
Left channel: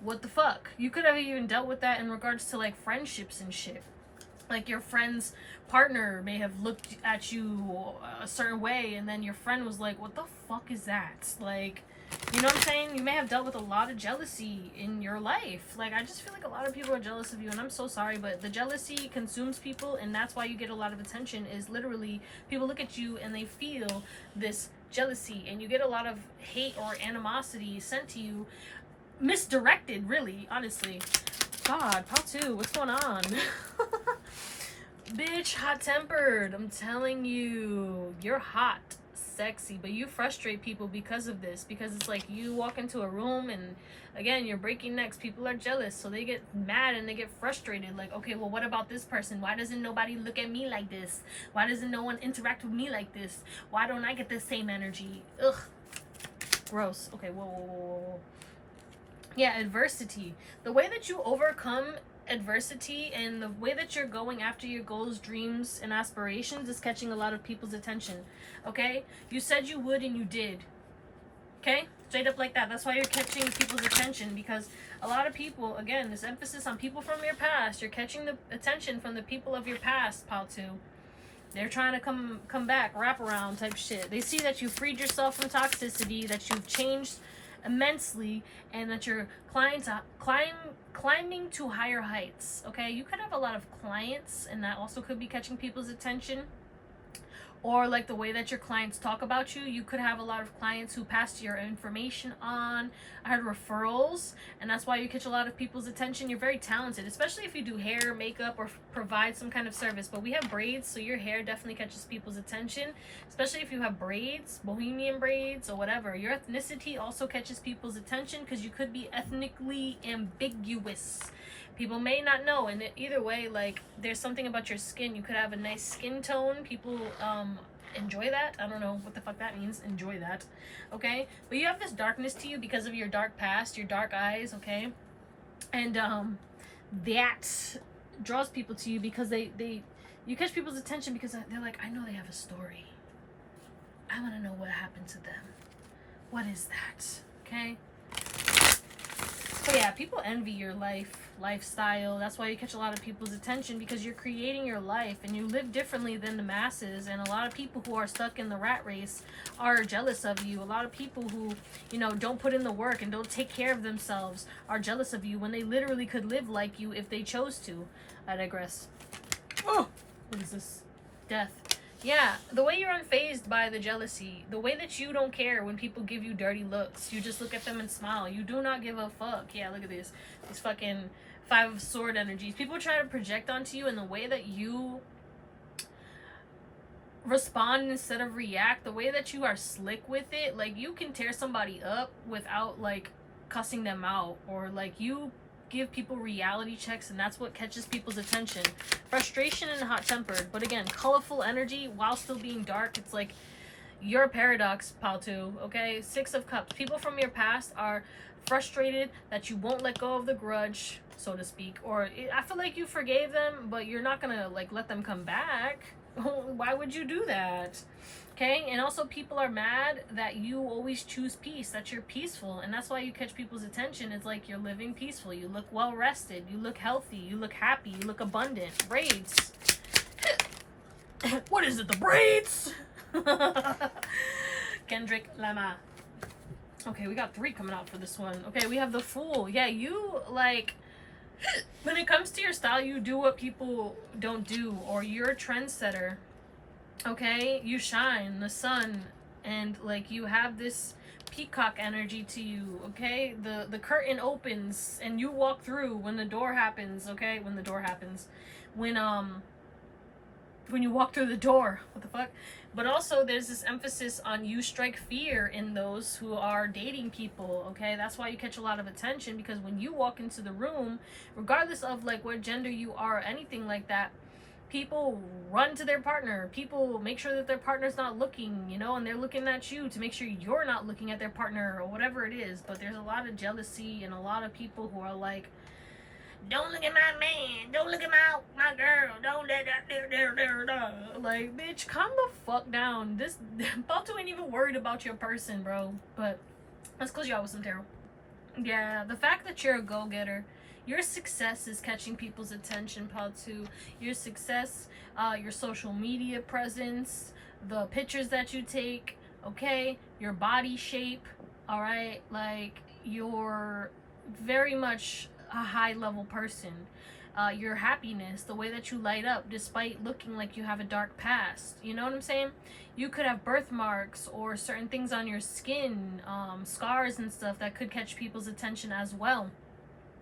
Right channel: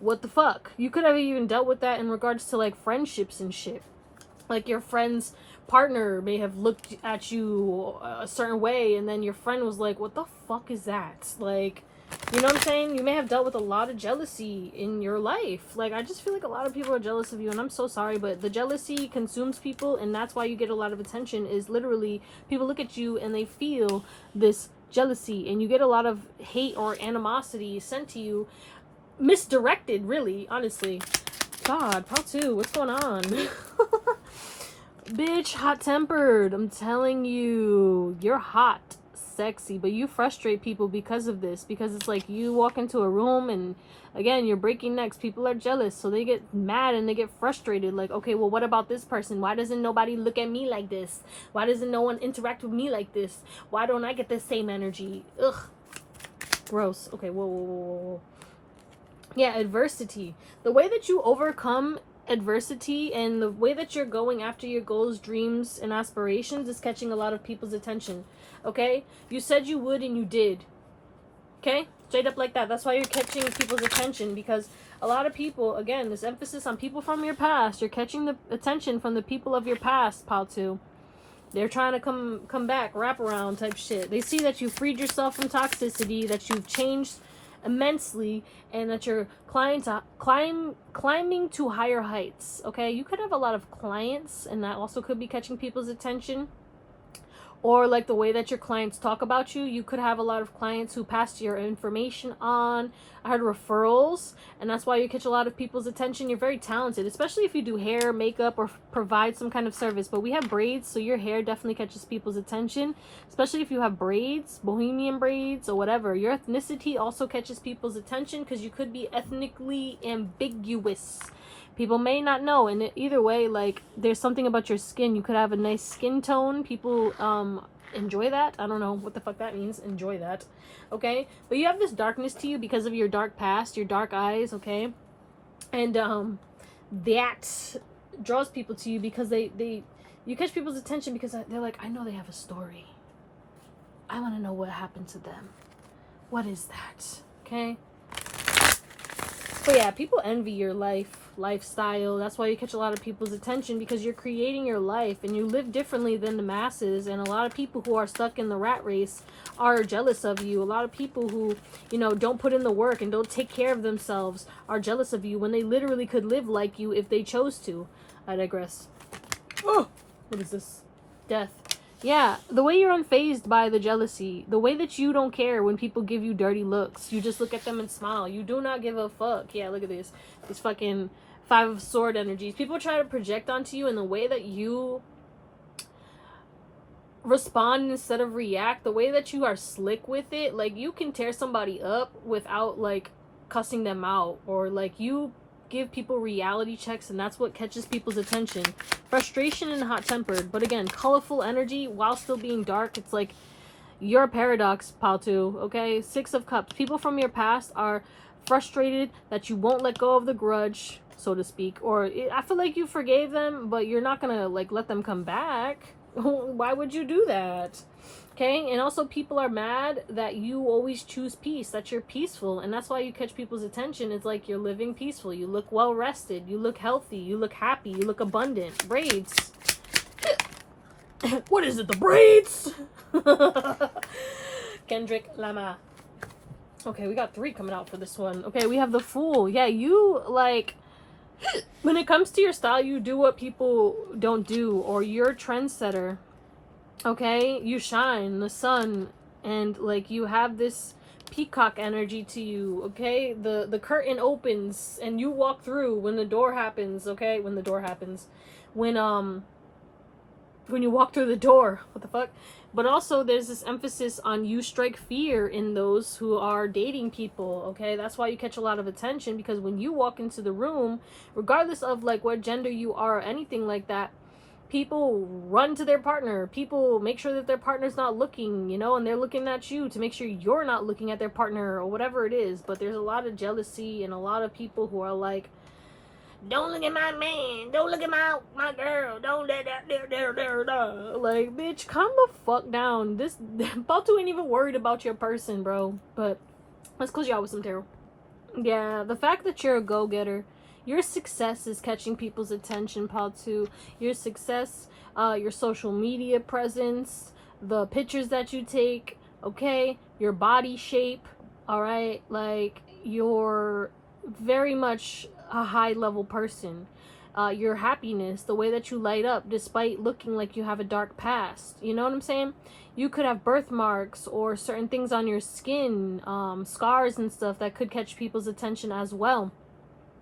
What the fuck? You could have even dealt with that in regards to, like, friendships and shit. Like, your friend's partner may have looked at you a certain way, and then your friend was like, what the fuck is that? Like, you know what I'm saying? You may have dealt with a lot of jealousy in your life. Like, I just feel like a lot of people are jealous of you, and I'm so sorry, but the jealousy consumes people, and that's why you get a lot of attention, is literally people look at you and they feel this jealousy, and you get a lot of hate or animosity sent to you, misdirected, really, honestly. God, part 2, what's going on? Bitch, hot-tempered. I'm telling you, you're hot, sexy, but you frustrate people because of this. Because it's like you walk into a room and, again, you're breaking necks. People are jealous, so they get mad and they get frustrated. Like, okay, well, what about this person? Why doesn't nobody look at me like this? Why doesn't no one interact with me like this? Why don't I get the same energy? Ugh. Gross. Okay, whoa. Yeah, adversity. The way that you overcome adversity and the way that you're going after your goals, dreams, and aspirations is catching a lot of people's attention. Okay? You said you would and you did. Okay? Straight up like that. That's why you're catching people's attention, because a lot of people, again, this emphasis on people from your past, you're catching the attention from the people of your past, pile 2. They're trying to come back, wrap around type shit. They see that you freed yourself from toxicity, that you've changed immensely, and that you're climbing to higher heights. Okay, you could have a lot of clients, and that also could be catching people's attention. Or like the way that your clients talk about you. You could have a lot of clients who pass your information on. I heard referrals, and that's why you catch a lot of people's attention. You're very talented, especially if you do hair, makeup, or provide some kind of service. But we have braids, so your hair definitely catches people's attention, especially if you have braids, bohemian braids, or whatever. Your ethnicity also catches people's attention, because you could be ethnically ambiguous. People may not know, and either way, like, there's something about your skin. You could have a nice skin tone. People enjoy that. I don't know what the fuck that means. Enjoy that. Okay? But you have this darkness to you because of your dark past, your dark eyes, okay? And that draws people to you because you catch people's attention because they're like, I know they have a story. I want to know what happened to them. What is that? Okay? But yeah, people envy your lifestyle. That's why you catch a lot of people's attention, because you're creating your life and you live differently than the masses. And a lot of people who are stuck in the rat race are jealous of you. A lot of people who, you know, don't put in the work and don't take care of themselves are jealous of you when they literally could live like you if they chose to. I digress. Oh, what is this? Death. Yeah, the way you're unfazed by the jealousy, the way that you don't care when people give you dirty looks, you just look at them and smile. You do not give a fuck. Yeah, look at this. These fucking 5 of sword energies. People try to project onto you, and the way that you respond instead of react, the way that you are slick with it, like, you can tear somebody up without, like, cussing them out, or, like, you give people reality checks, and that's what catches people's attention. Frustration and hot-tempered, but again, colorful energy while still being dark. It's like you're a paradox, pile 2. Okay, 6 of Cups. People from your past are frustrated that you won't let go of the grudge, so to speak, or I feel like you forgave them, but you're not gonna, like, let them come back. Why would you do that? Okay, and also people are mad that you always choose peace, that you're peaceful, and that's why you catch people's attention. It's like you're living peaceful, you look well rested, you look healthy, you look happy, you look abundant. Braids. What is it, the braids? Kendrick Lamar. Okay, we got 3 coming out for this one. Okay, we have the Fool. Yeah, you, like, when it comes to your style, you do what people don't do, or you're a trendsetter. Okay, you shine the sun, and like you have this peacock energy to you. Okay, the curtain opens and you walk through when the door happens. Okay, when the door happens, when you walk through the door. What the fuck? But also there's this emphasis on you strike fear in those who are dating people. Okay, that's why you catch a lot of attention, because when you walk into the room, regardless of like what gender you are or anything like that, people run to their partner. People make sure that their partner's not looking, you know, and they're looking at you to make sure you're not looking at their partner or whatever it is. But there's a lot of jealousy and a lot of people who are like, don't look at my man, don't look at my girl, don't let that. Like, bitch, calm the fuck down. This Balto ain't even worried about your person, bro. But let's close you out with some tarot. Yeah, the fact that you're a go-getter, your success is catching people's attention, Paltu. Your success, your social media presence, the pictures that you take, okay? Your body shape, alright? Like, you're very much a high-level person. Your happiness, the way that you light up despite looking like you have a dark past. You know what I'm saying? You could have birthmarks or certain things on your skin, scars and stuff that could catch people's attention as well.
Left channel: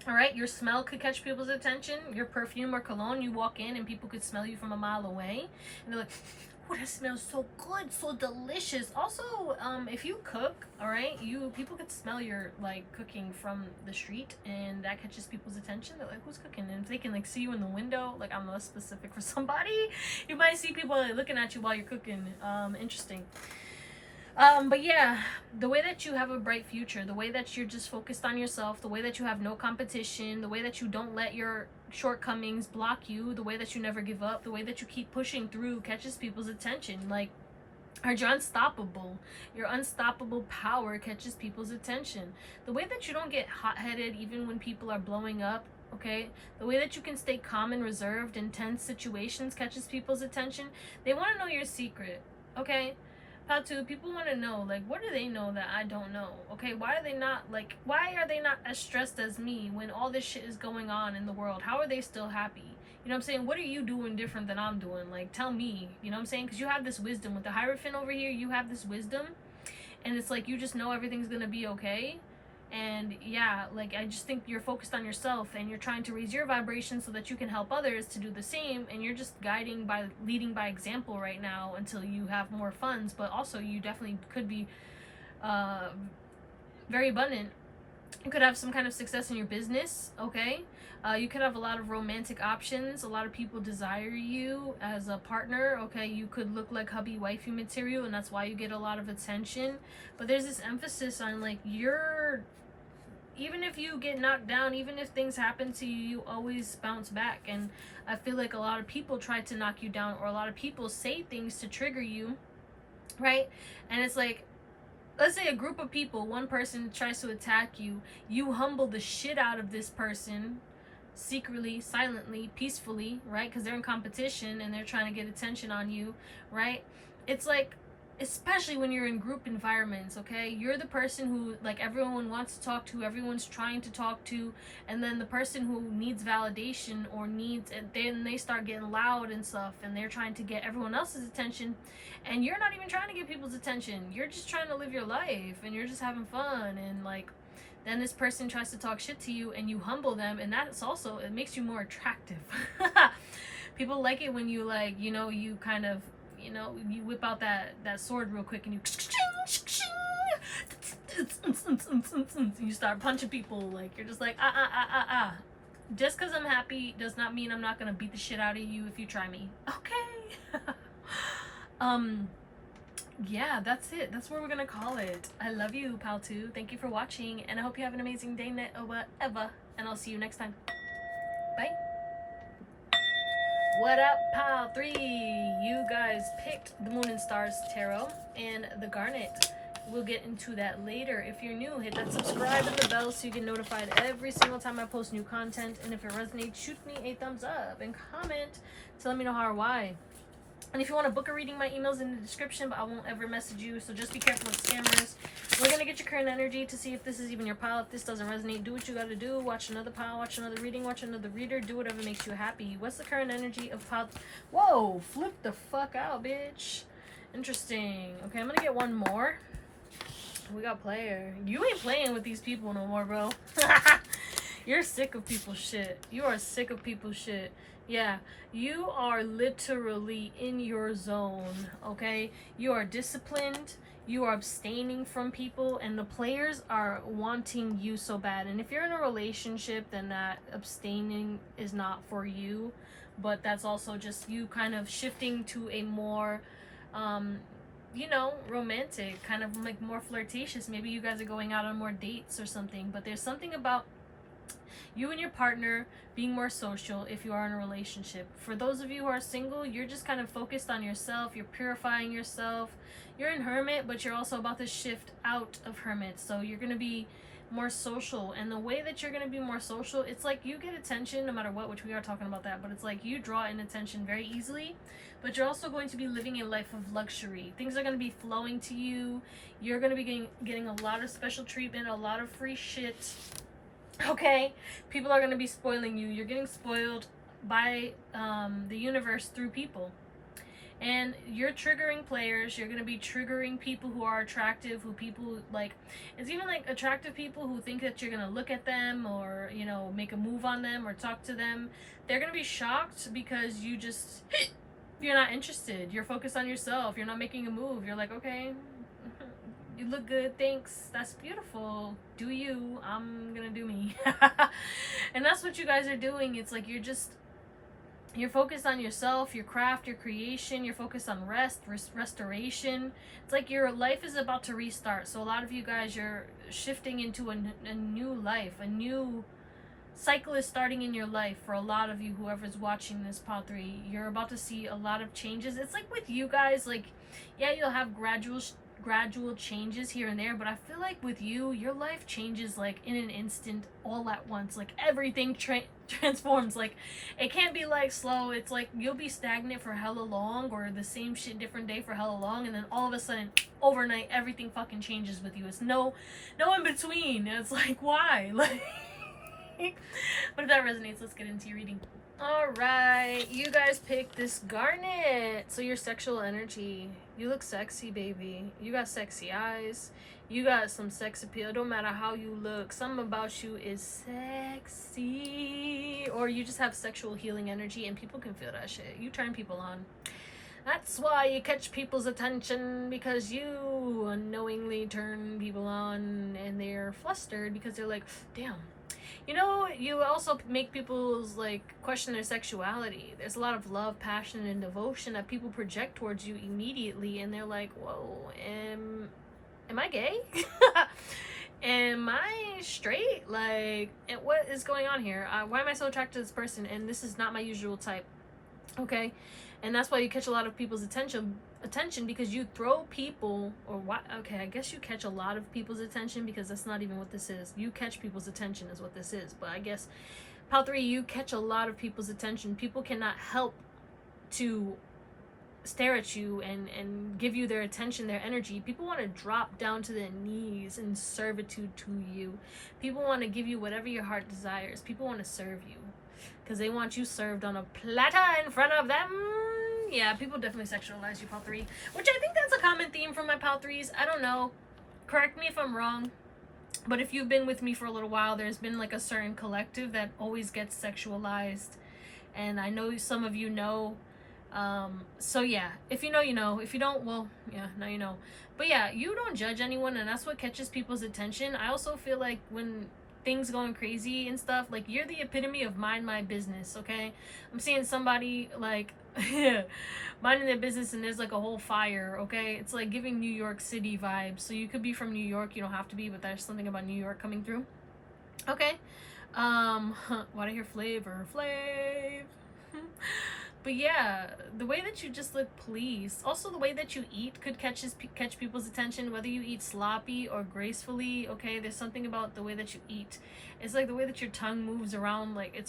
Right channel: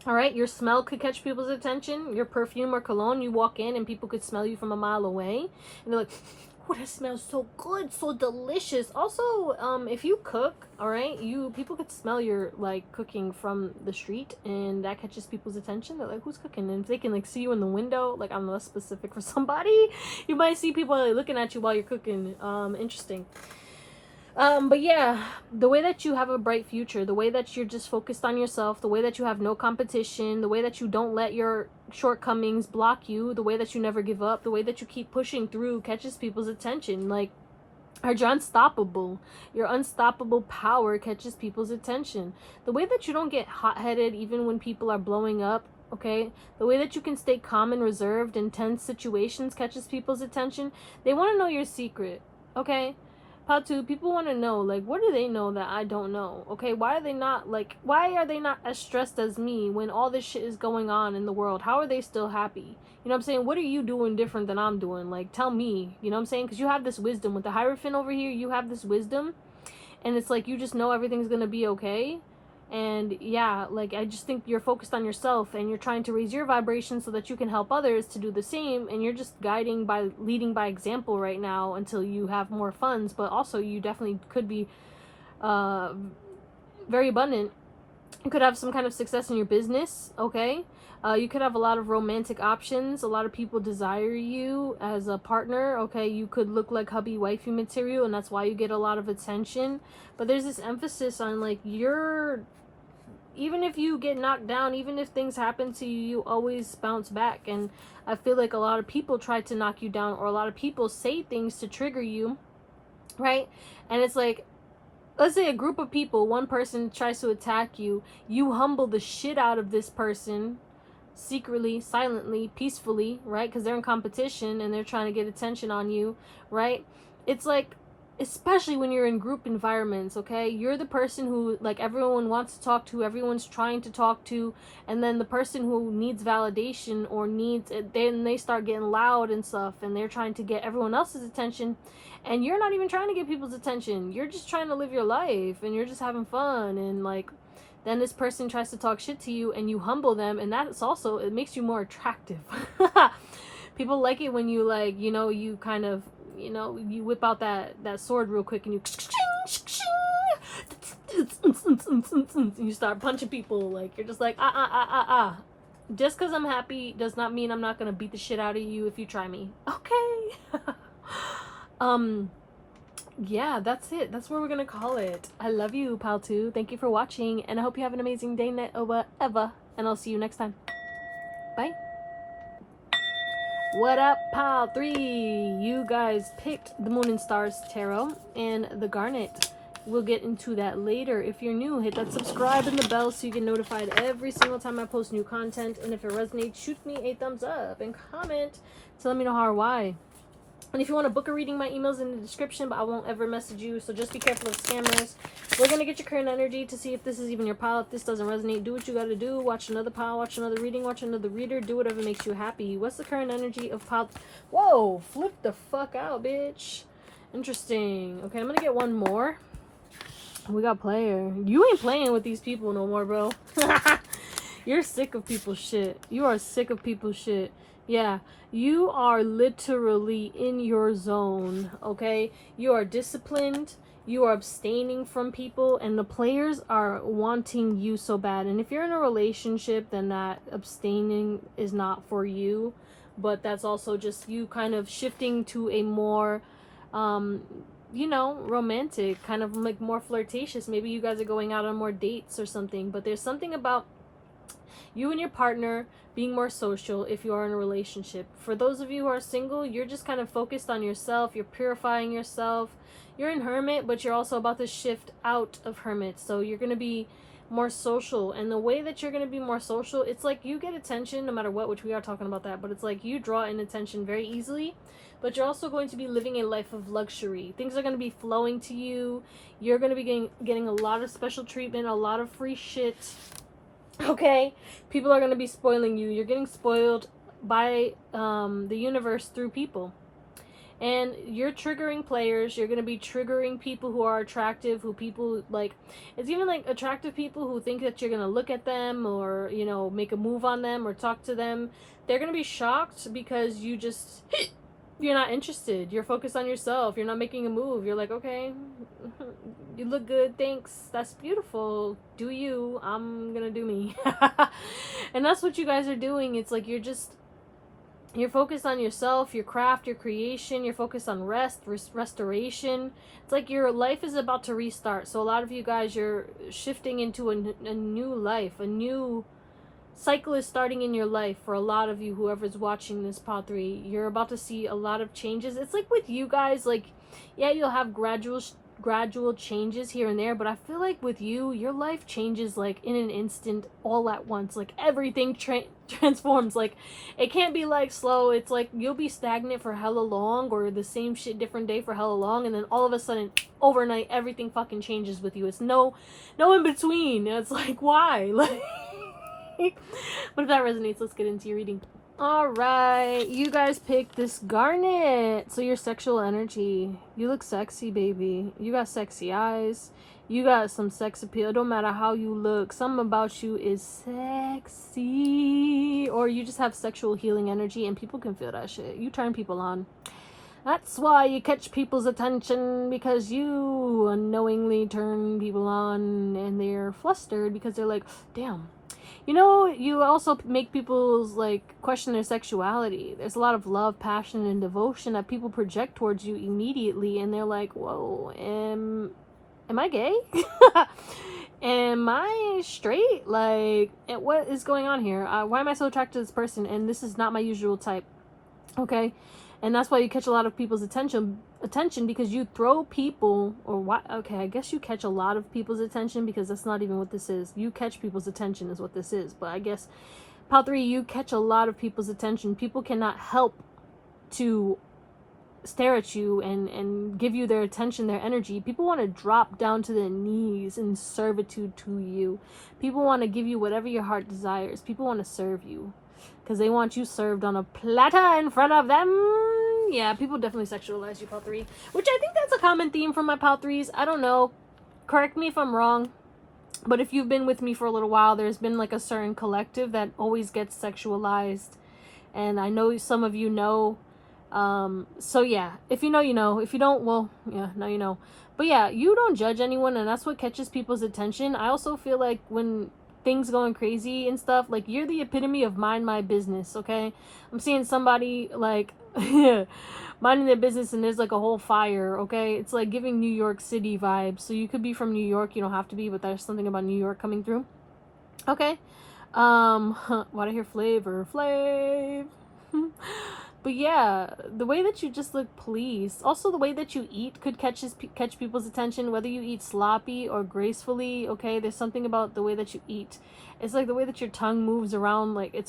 All right, your smell could catch people's attention. Your perfume or cologne, you walk in and people could smell you from a mile away. And they're like, oh, that smells so good, so delicious. Also, if you cook, all right, people could smell your, like, cooking from the street, and that catches people's attention. They're like, who's cooking? And if they can, like, see you in the window, like, I'm less specific for somebody, you might see people like, looking at you while you're cooking. Interesting. But yeah, the way that you have a bright future, the way that you're just focused on yourself, the way that you have no competition, the way that you don't let your shortcomings block you, the way that you never give up, the way that you keep pushing through catches people's attention. Like, you're unstoppable. Your unstoppable power catches people's attention. The way that you don't get hot-headed even when people are blowing up, okay? The way that you can stay calm and reserved in tense situations catches people's attention. They want to know your secret, okay? Patu, people want to know, like, what do they know that I don't know? Okay, why are they not as stressed as me when all this shit is going on in the world? How are they still happy? You know what I'm saying? What are you doing different than I'm doing? Like, tell me, you know what I'm saying? Because you have this wisdom. With the Hierophant over here, you have this wisdom. And it's like, you just know everything's going to be okay. And yeah, like, I just think you're focused on yourself and you're trying to raise your vibration so that you can help others to do the same. And you're just leading by example right now until you have more funds. But also, you definitely could be very abundant. You could have some kind of success in your business, okay? You could have a lot of romantic options. A lot of people desire you as a partner, okay? You could look like hubby wifey material, and that's why you get a lot of attention. But there's this emphasis on, like, even if you get knocked down, even if things happen to you, you always bounce back. And I feel like a lot of people try to knock you down, or a lot of people say things to trigger you, right? And it's like, let's say a group of people, one person tries to attack you, you humble the shit out of this person, secretly, silently, peacefully, right? Because they're in competition and they're trying to get attention on you, right? It's like, especially when you're in group environments, okay? You're the person who, like, everyone wants to talk to, everyone's trying to talk to, and then the person who needs validation or needs it, then they start getting loud and stuff, and they're trying to get everyone else's attention, and you're not even trying to get people's attention. You're just trying to live your life, and you're just having fun, and, like, then this person tries to talk shit to you, and you humble them, and that's also, it makes you more attractive. People like it when you, like, you know, you kind of, you know, you whip out that sword real quick and you start punching people. Like, you're just like, just because I'm happy does not mean I'm not gonna beat the shit out of you if you try me, okay? Yeah, that's it. That's where we're gonna call it. I love you, Paltu. Thank you for watching, and I hope you have an amazing day, night, or whatever, and I'll see you next time. Bye. What up, pal? 3. You guys picked the Moon and Stars Tarot and the Garnet. We'll get into that later. If you're new, hit that subscribe and the bell so you get notified every single time I post new content. And if it resonates, shoot me a thumbs up and comment to let me know how or why. And if you want to book a reading, my email's in the description, but I won't ever message you, so just be careful of scammers. We're going to get your current energy to see if this is even your pile. If this doesn't resonate, do what you got to do. Watch another pile, watch another reading, watch another reader. Do whatever makes you happy. What's the current energy of pile? Whoa, flip the fuck out, bitch. Interesting. Okay, I'm going to get one more. We got player. You ain't playing with these people no more, bro. You're sick of people's shit. You are sick of people's shit. Yeah, you are literally in your zone, okay? You are disciplined, you are abstaining from people, and the players are wanting you so bad. And if you're in a relationship, then that abstaining is not for you, but that's also just you kind of shifting to a more, you know, romantic, kind of like more flirtatious. Maybe you guys are going out on more dates or something, but there's something about you and your partner being more social if you are in a relationship. For those of you who are single, you're just kind of focused on yourself. You're purifying yourself. You're in hermit, but you're also about to shift out of hermit. So you're going to be more social. And the way that you're going to be more social, it's like you get attention no matter what, which we are talking about that. But it's like you draw in attention very easily. But you're also going to be living a life of luxury. Things are going to be flowing to you. You're going to be getting a lot of special treatment, a lot of free shit. Okay, people are going to be spoiling you. You're getting spoiled by the universe through people. And you're triggering players. You're going to be triggering people who are attractive, who people like. It's even like attractive people who think that you're going to look at them or, you know, make a move on them or talk to them. They're going to be shocked because you just, you're not interested. You're focused on yourself. You're not making a move. You're like, okay, you look good, thanks, that's beautiful, do you, I'm gonna do me. And that's what you guys are doing. It's like you're focused on yourself, your craft, your creation. You're focused on restoration. It's like your life is about to restart. So a lot of you guys, you're shifting into a new life. A new cycle is starting in your life. For a lot of you, whoever's watching this pod 3, you're about to see a lot of changes. It's like with you guys, like, yeah, you'll have gradual changes here and there, but I feel like with you, your life changes like in an instant, all at once. Like everything transforms. Like it can't be like slow. It's like you'll be stagnant for hella long, or the same shit different day for hella long, and then all of a sudden overnight everything fucking changes with you. It's no in between. It's like, why? Like but if that resonates, let's get into your reading. Alright, you guys picked this Garnet. So your sexual energy. You look sexy, baby. You got sexy eyes. You got some sex appeal. Don't matter how you look. Something about you is sexy. Or you just have sexual healing energy and people can feel that shit. You turn people on. That's why you catch people's attention, because you unknowingly turn people on and they're flustered because they're like, damn. You know, you also make people's, like, question their sexuality. There's a lot of love, passion, and devotion that people project towards you immediately, and they're like, whoa, am I gay? Am I straight? Like, what is going on here? Why am I so attracted to this person? And this is not my usual type. Okay? And that's why you catch a lot of people's attention because you throw people, or what? Okay, I guess you catch a lot of people's attention, because that's not even what this is. You catch people's attention is what this is. But I guess pile 3, you catch a lot of people's attention. People cannot help to stare at you and give you their attention, their energy. People want to drop down to their knees in servitude to you. People want to give you whatever your heart desires. People want to serve you because they want you served on a platter in front of them. Yeah, people definitely sexualize you, pile 3, which I think that's a common theme for my pile 3s. I don't know. Correct me if I'm wrong. But if you've been with me for a little while, there's been like a certain collective that always gets sexualized. And I know some of you know. So yeah, if you know, you know. If you don't, well, yeah, now you know. But yeah, you don't judge anyone, and that's what catches people's attention. I also feel like when things going crazy and stuff, like, you're the epitome of mind my business, okay? I'm seeing somebody like minding their business and there's like a whole fire, okay? It's like giving New York City vibes. So you could be from New York, you don't have to be, but there's something about New York coming through. Okay. Why'd I hear Flav? But yeah, the way that you just look pleased. Also, the way that you eat could catch people's attention, whether you eat sloppy or gracefully. Okay, there's something about the way that you eat. It's like the way that your tongue moves around. Like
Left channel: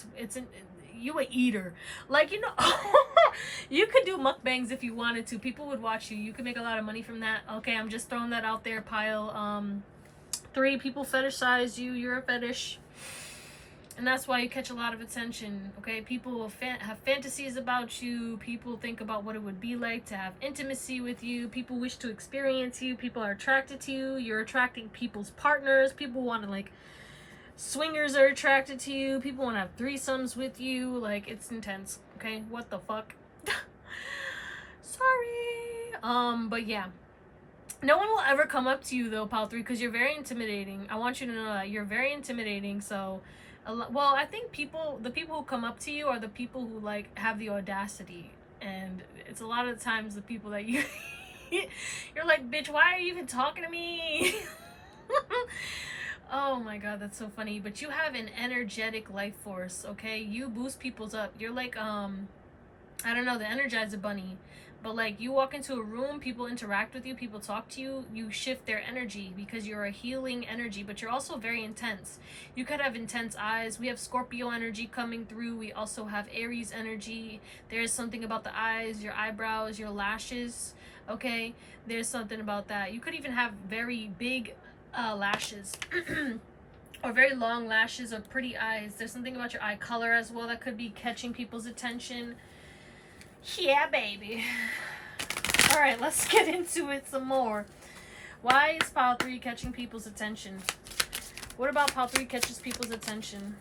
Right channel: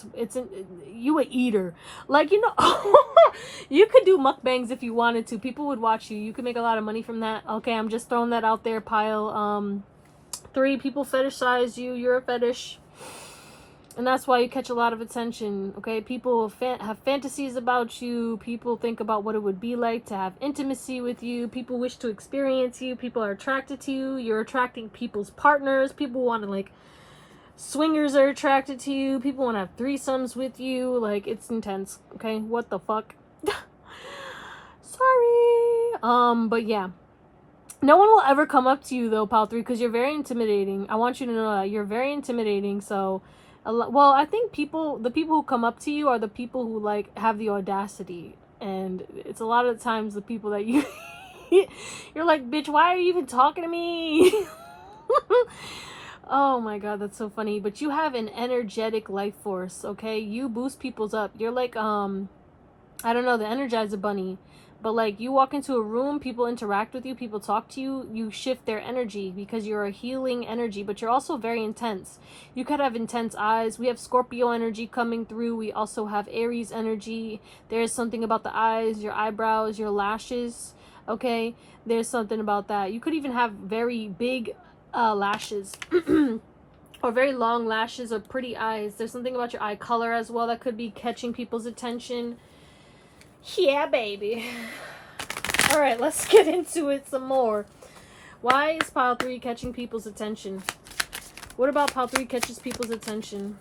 you a eater. Like, you know, you could do mukbangs if you wanted to. People would watch you. You could make a lot of money from that. Okay, I'm just throwing that out there. Pile 3 people fetishize you. You're a fetish. And that's why you catch a lot of attention, okay? People have fantasies about you. People think about what it would be like to have intimacy with you. People wish to experience you. People are attracted to you. You're attracting people's partners. People want to, like, swingers are attracted to you. People want to have threesomes with you. Like, it's intense, okay? What the fuck? Sorry. But yeah. No one will ever come up to you, though, Pal 3, because you're very intimidating. I want you to know that. You're very intimidating, so... Well, I think the people who come up to you are the people who, like, have the audacity. And it's a lot of times the people that you... you're like, bitch, why are you even talking to me? Oh my god, that's so funny. But you have an energetic life force, okay? You boost people's up. You're like, I don't know, the Energizer Bunny. But, like, you walk into a room, people interact with you, people talk to you, you shift their energy because you're a healing energy, but you're also very intense. You could have intense eyes. We have Scorpio energy coming through. We also have Aries energy. There's something about the eyes, your eyebrows, your lashes, okay? There's something about that. You could even have very big lashes. Or very long lashes or pretty eyes. There's something about your eye color as well that could be catching people's attention. Yeah, baby. Alright, let's get into it some more. Why is Pile 3 catching people's attention? What about Pile 3 catches people's attention?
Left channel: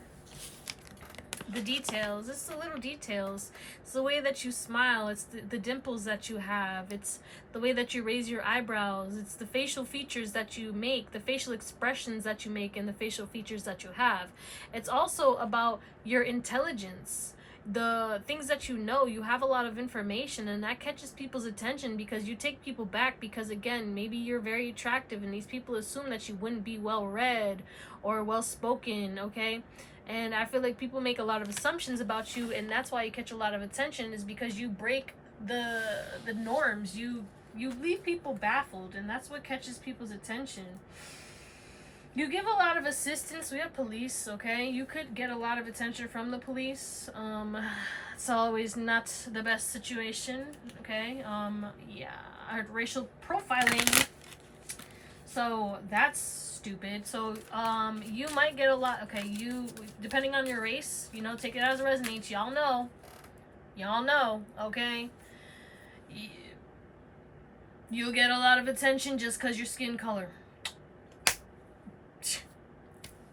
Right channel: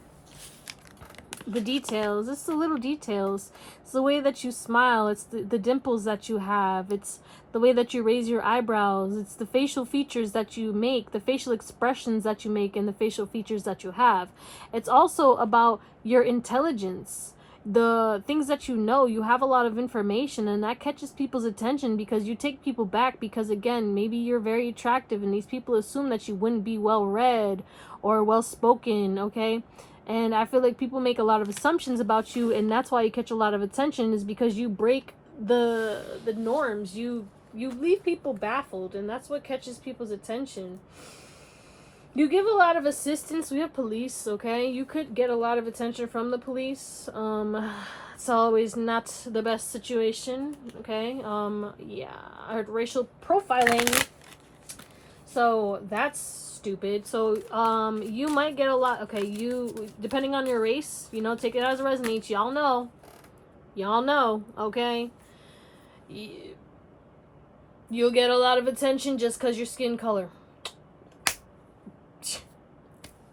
The details. It's the little details. It's the way that you smile. It's the dimples that you have. It's the way that you raise your eyebrows. It's the facial features that you make, the facial expressions that you make, and the facial features that you have. It's also about your intelligence. The things that you know, you have a lot of information, and that catches people's attention because you take people back because, again, maybe you're very attractive and these people assume that you wouldn't be well read or well spoken, okay? And I feel like people make a lot of assumptions about you, and that's why you catch a lot of attention, is because you break the norms. You leave people baffled, and that's what catches people's attention. You give a lot of assistance. We have police, okay? You could get a lot of attention from the police. It's always not the best situation, okay? Yeah, I heard racial profiling. So, that's stupid. So, you might get a lot, okay, depending on your race, you know, take it as it resonates. Y'all know, okay? You'll get a lot of attention just because your skin color.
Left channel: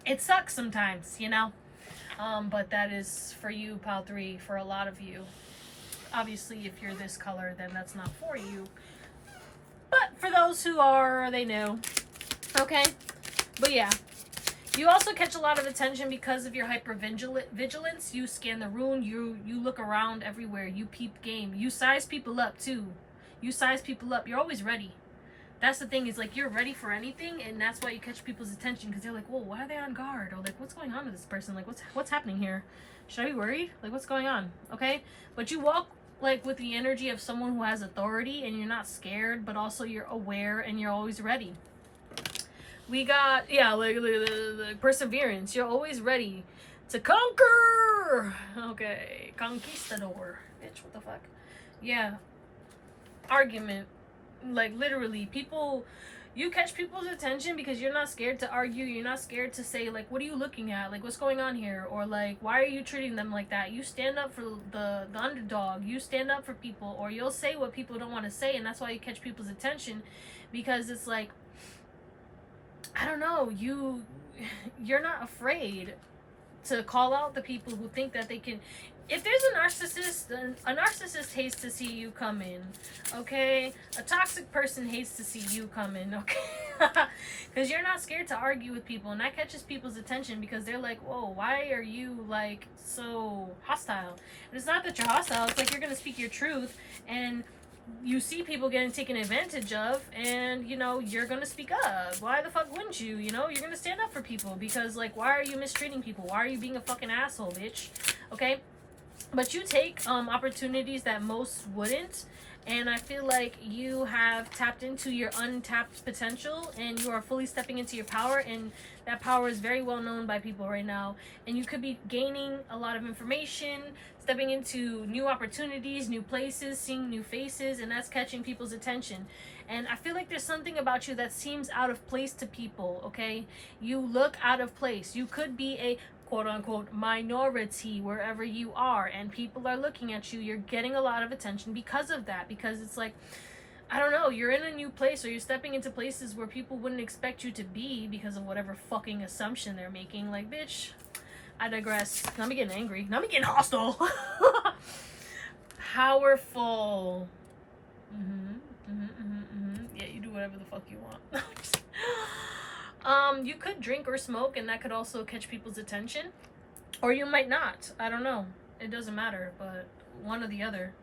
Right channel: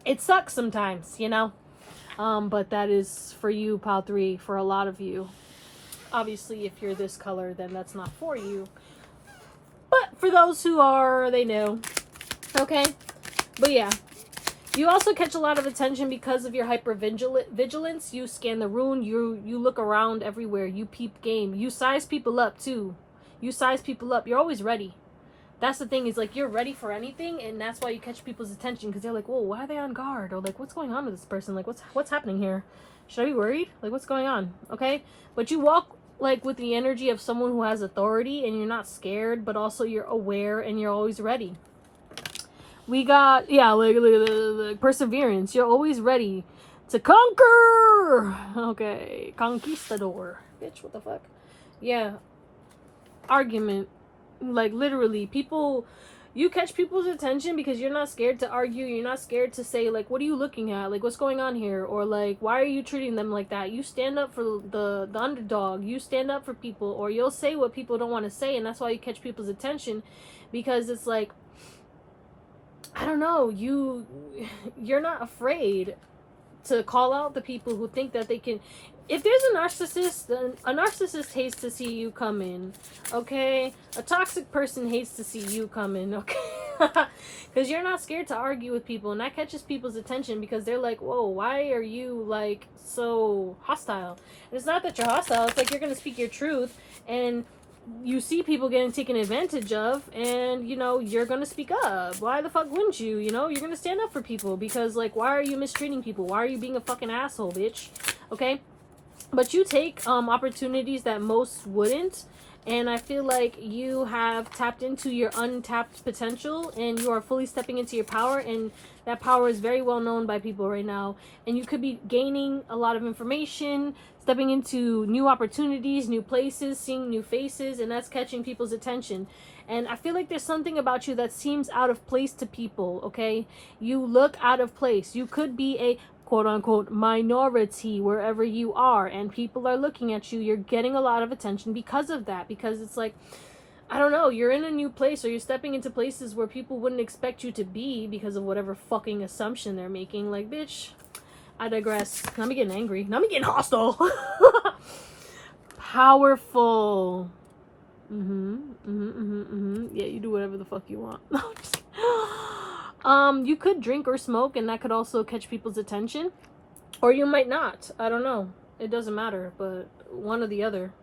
It sucks sometimes, you know, but that is for you, Pile 3, for a lot of you. Obviously, if you're this color, then that's not for you. But for those who are, they know. Okay? But yeah. You also catch a lot of attention because of your hypervigilance. You scan the room. You look around everywhere. You peep game. You size people up, too. You size people up. You're always ready. That's the thing, is like you're ready for anything, and that's why you catch people's attention, because they're like, whoa, why are they on guard? Or like, what's going on with this person? Like, what's happening here? Should I be worried? Like, what's going on? Okay? But you walk like with the energy of someone who has authority, and you're not scared, but also you're aware and you're always ready. We got, yeah, like perseverance. You're always ready to conquer. Okay, conquistador. Bitch, what the fuck? Yeah. Argument. Like, literally, people, you catch people's attention because you're not scared to argue. You're not scared to say, like, what are you looking at? Like, what's going on here? Or, like, why are you treating them like that? You stand up for the underdog. You stand up for people. Or you'll say what people don't want to say, and that's why you catch people's attention, because it's like, I don't know, you're not afraid to call out the people who think that they can. If there's a narcissist, then a narcissist hates to see you come in, okay? A toxic person hates to see you come in, okay? Because you're not scared to argue with people, and that catches people's attention because they're like, whoa, why are you, like, so hostile? And it's not that you're hostile, it's like you're going to speak your truth, and you see people getting taken advantage of, and, you know, you're going to speak up. Why the fuck wouldn't you? You know, you're going to stand up for people because, like, why are you mistreating people? Why are you being a fucking asshole, bitch? Okay? But you take opportunities that most wouldn't, and I feel like you have tapped into your untapped potential, and you are fully stepping into your power, and that power is very well known by people right now. And you could be gaining a lot of information, stepping into new opportunities, new places, seeing new faces, and that's catching people's attention. And I feel like there's something about you that seems out of place to people, okay? You look out of place. You could be a quote unquote minority wherever you are, and people are looking at you. You're getting a lot of attention because of that, because it's like, I don't know, you're in a new place, or you're stepping into places where people wouldn't expect you to be because of whatever fucking assumption they're making. Like, bitch, I digress. Now I'm getting angry. Now I'm getting hostile. Powerful. Yeah, you do whatever the fuck you want. You could drink or smoke, and that could also catch people's attention, or you might not. I don't know. It doesn't matter, but one or the other.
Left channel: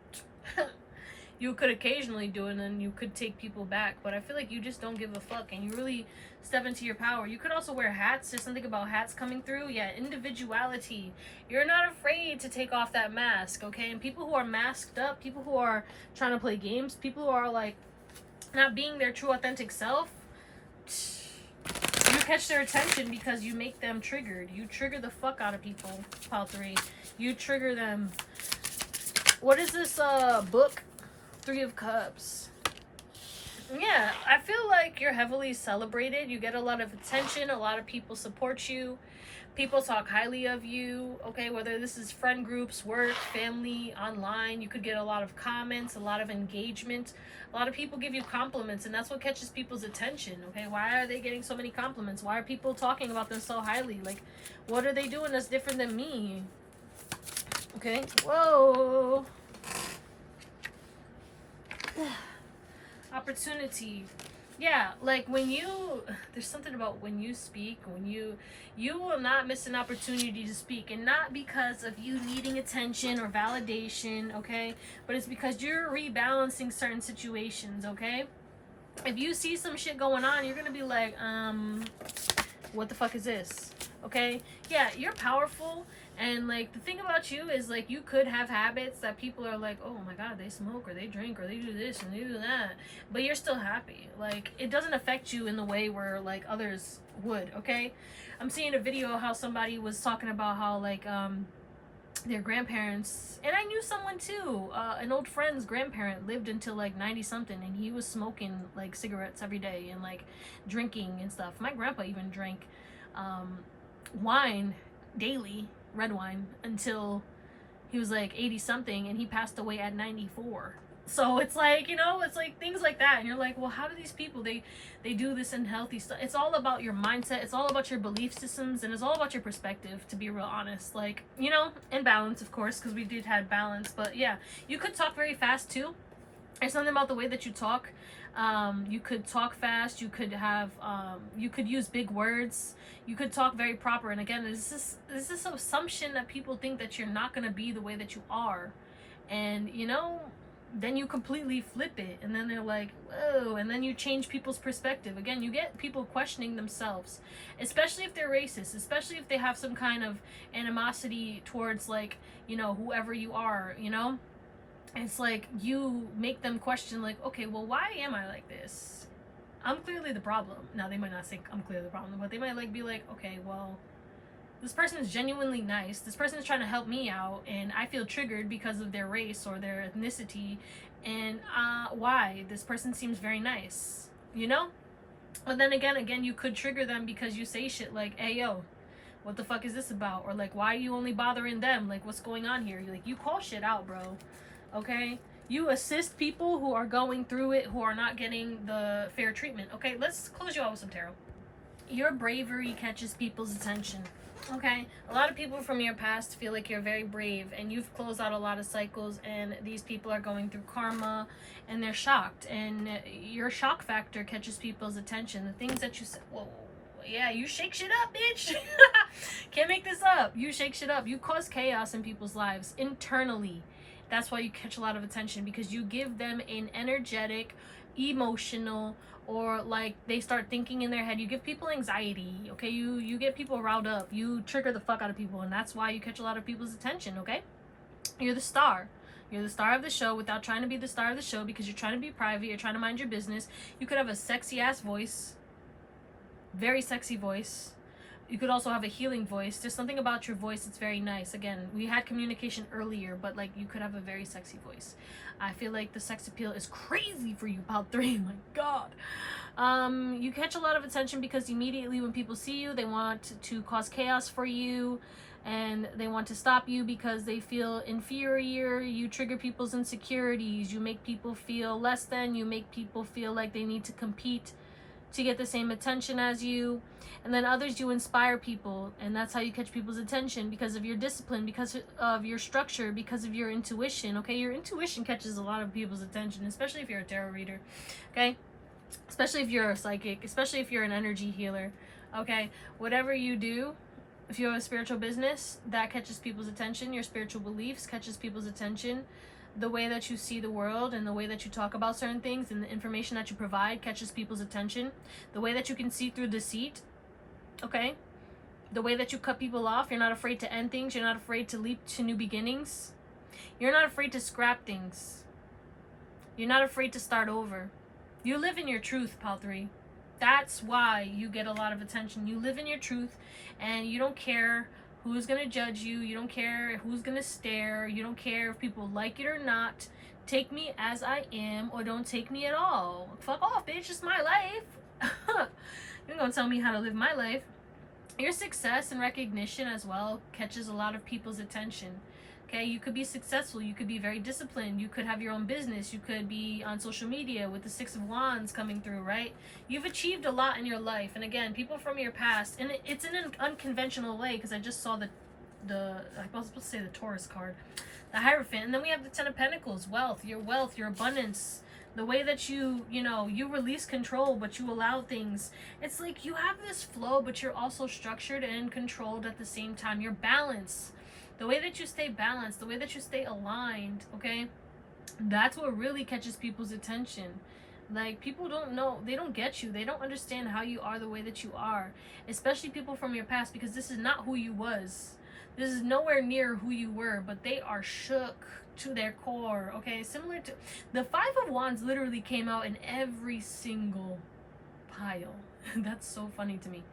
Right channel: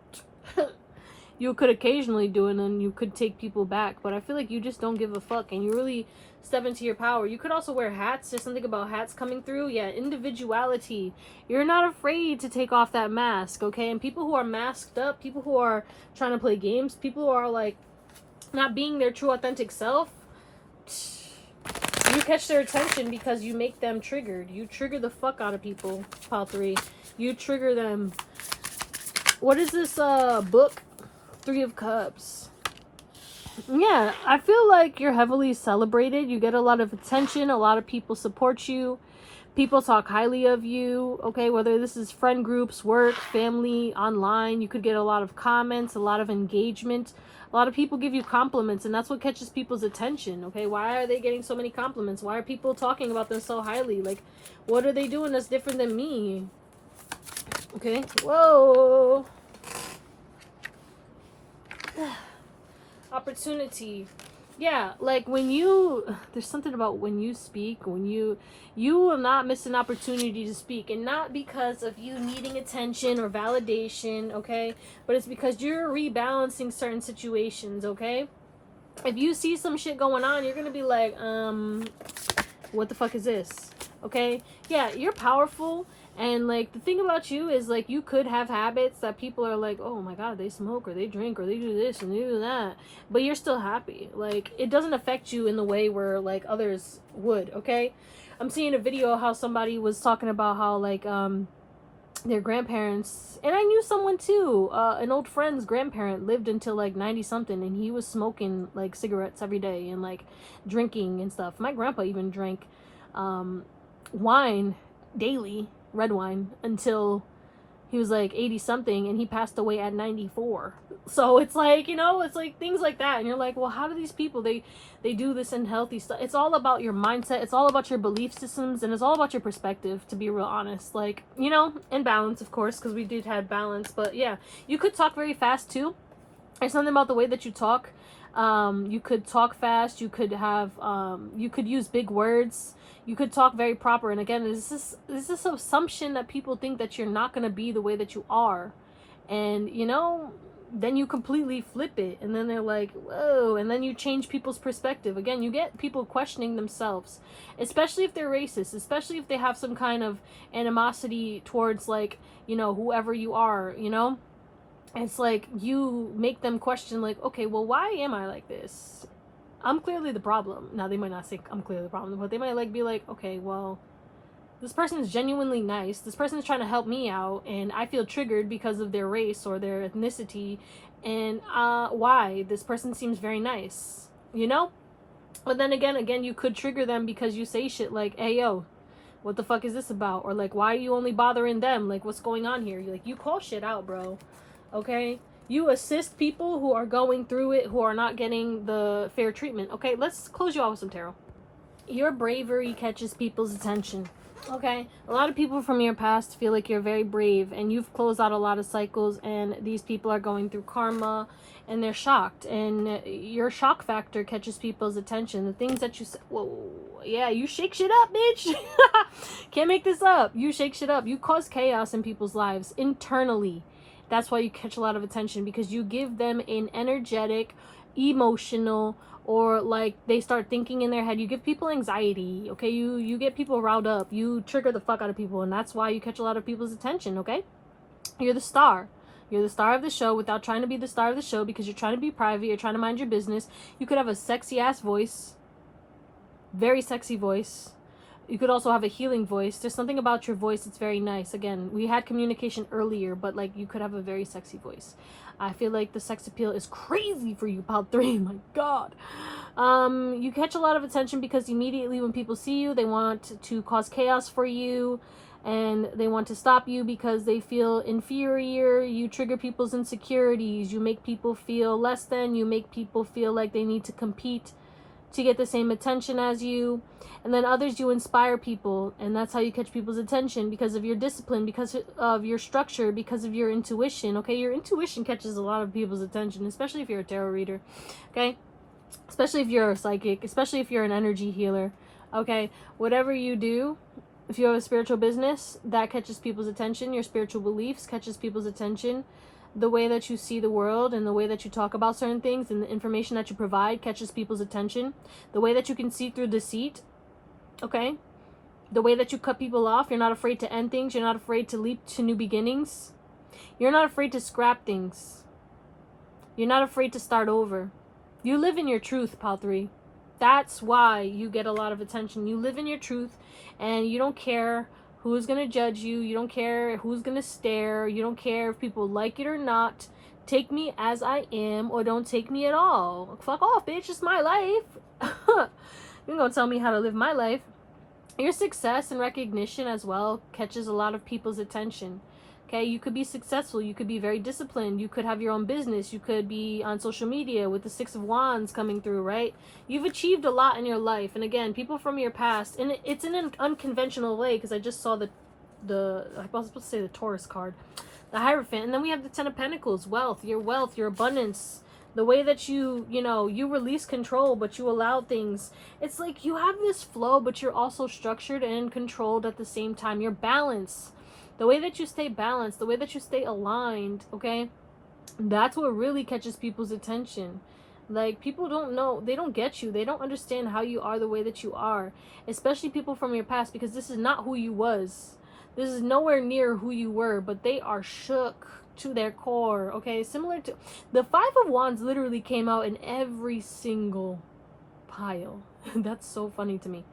You could occasionally do it, and you could take people back, but I feel like you just don't give a fuck, and you really step into your power. You could also wear hats. There's something about hats coming through. Yeah, individuality. You're not afraid to take off that mask, okay? And people who are masked up, people who are trying to play games, people who are like not being their true authentic self, you catch their attention because you make them triggered. You trigger the fuck out of people. Pile 3. You trigger them. What is this book? 3 of Cups. Yeah, I feel like you're heavily celebrated. You get a lot of attention. A lot of people support you. People talk highly of you, okay? Whether this is friend groups, work, family, online. You could get a lot of comments, a lot of engagement. A lot of people give you compliments, and that's what catches people's attention, okay? Why are they getting so many compliments? Why are people talking about them so highly? Like, what are they doing that's different than me? Okay? Whoa! Opportunity. Yeah, like when you, there's something about when you speak, when you will not miss an opportunity to speak, and not because of you needing attention or validation, okay? But it's because you're rebalancing certain situations, okay? If you see some shit going on, you're gonna be like, what the fuck is this? Okay? Yeah, you're powerful. And like the thing about you is like you could have habits that people are like, oh my god, they smoke or they drink or they do this and they do that, but you're still happy. Like it doesn't affect you in the way where like others would, okay? I'm seeing a video how somebody was talking about how like their grandparents, and I knew someone too, an old friend's grandparent lived until like 90 something, and he was smoking like cigarettes every day and like drinking and stuff. My grandpa even drank wine daily, red wine, until he was like 80 something, and he passed away at 94. So it's like, you know, it's like things like that, and you're like, well, how do these people, they do this unhealthy stuff? It's all about your mindset, it's all about your belief systems, and it's all about your perspective, to be real honest. Like, you know, in balance, of course, because we did have balance. But yeah, you could talk very fast too. There's something about the way that you talk. You could talk fast, you could have you could use big words, you could talk very proper. And again, there's this assumption that people think that you're not going to be the way that you are, and you know, then you completely flip it, and then they're like, whoa, and then you change people's perspective. Again, you get people questioning themselves, especially if they're racist, especially if they have some kind of animosity towards, like, you know, whoever you are, you know. It's like you make them question, like, okay, well, why am I like this? I'm clearly the problem. Now, they might not think I'm clearly the problem, but they might like be like, okay, well, this person is genuinely nice. This person is trying to help me out, and I feel triggered because of their race or their ethnicity. And why? This person seems very nice, you know? But then again, you could trigger them because you say shit like, hey, yo, what the fuck is this about? Or like, why are you only bothering them? Like, what's going on here? Like, you call shit out, bro. Okay? You assist people who are going through it, who are not getting the fair treatment. Okay, let's close you out with some tarot. Your bravery catches people's attention. Okay? A lot of people from your past feel like you're very brave, and you've closed out a lot of cycles, and these people are going through karma, and they're shocked. And your shock factor catches people's attention. The things that you say, whoa, yeah, you shake shit up, bitch. Can't make this up. You shake shit up. You cause chaos in people's lives internally. That's why you catch a lot of attention, because you give them an energetic, emotional, or like they start thinking in their head. You give people anxiety, okay? You get people riled up. You trigger the fuck out of people, and that's why you catch a lot of people's attention, okay? You're the star. You're the star of the show without trying to be the star of the show, because you're trying to be private. You're trying to mind your business. You could have a sexy ass voice. Very sexy voice. You could also have a healing voice. There's something about your voice that's very nice. Again, we had communication earlier, but like you could have a very sexy voice. I feel like the sex appeal is crazy for you, pal 3. My God. You catch a lot of attention because immediately when people see you, they want to cause chaos for you, and they want to stop you because they feel inferior. You trigger people's insecurities. You make people feel less than. You make people feel like they need to compete to get the same attention as you. And then others, you inspire people, and that's how you catch people's attention, because of your discipline, because of your structure, because of your intuition. Okay, your intuition catches a lot of people's attention, especially if you're a tarot reader. Okay, especially if you're a psychic, especially if you're an energy healer. Okay, whatever you do, if you have a spiritual business, that catches people's attention. Your spiritual beliefs catches people's attention. The way that you see the world and the way that you talk about certain things and the information that you provide catches people's attention. The way that you can see through deceit, okay? The way that you cut people off. You're not afraid to end things. You're not afraid to leap to new beginnings. You're not afraid to scrap things. You're not afraid to start over. You live in your truth, pal 3. That's why you get a lot of attention. You live in your truth, and you don't care who's going to judge you. You don't care who's going to stare. You don't care if people like it or not. Take me as I am, or don't take me at all. Fuck off, bitch. It's my life. You're going to tell me how to live my life. Your success and recognition as well catches a lot of people's attention. Okay, you could be successful. You could be very disciplined. You could have your own business. You could be on social media with the 6 of Wands coming through, right? You've achieved a lot in your life. And again, people from your past, and it's in an unconventional way, because I just saw I was supposed to say the Taurus card, the Hierophant. And then we have the 10 of Pentacles, wealth, your abundance, the way that you release control, but you allow things. It's like you have this flow, but you're also structured and controlled at the same time. You're balanced. The way that you stay balanced, the way that you stay aligned, okay? That's what really catches people's attention. Like, people don't know, they don't get you. They don't understand how you are the way that you are. Especially people from your past, because this is not who you was. This is nowhere near who you were, but they are shook to their core, okay? Similar to, the 5 of Wands literally came out in every single pile. That's so funny to me.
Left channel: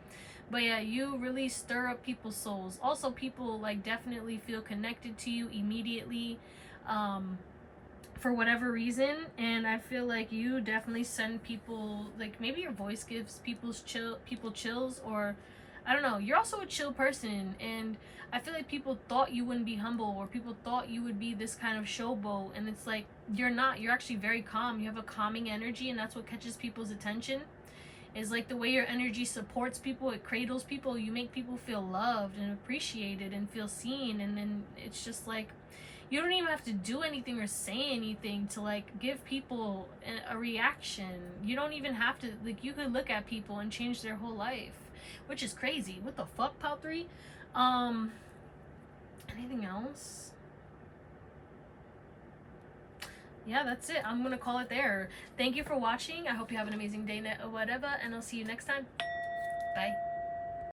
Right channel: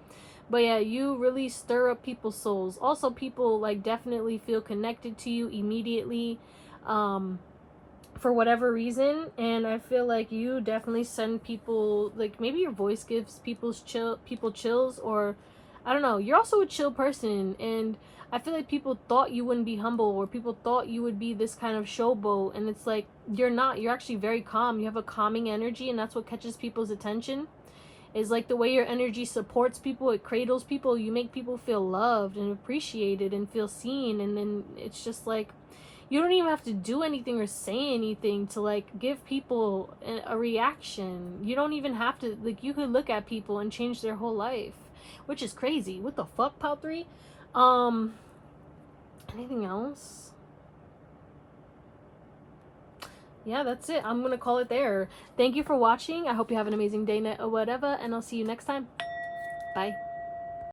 But yeah, you really stir up people's souls. Also, people like definitely feel connected to you immediately, for whatever reason. And I feel like you definitely send people, like, maybe your voice gives people chills, or I don't know. You're also a chill person, and I feel like people thought you wouldn't be humble, or people thought you would be this kind of showboat, and it's like you're not. You're actually very calm. You have a calming energy, and that's what catches people's attention. Is like the way your energy supports people, it cradles people, you make people feel loved and appreciated and feel seen. And then it's just like, you don't even have to do anything or say anything to like give people a reaction. You don't even have to, like, you could look at people and change their whole life, which is crazy. What the fuck, pal 3? Anything else? Yeah, that's it. I'm gonna call it there. Thank you for watching. I hope you have an amazing day, night, or whatever, and I'll see you next time. Bye.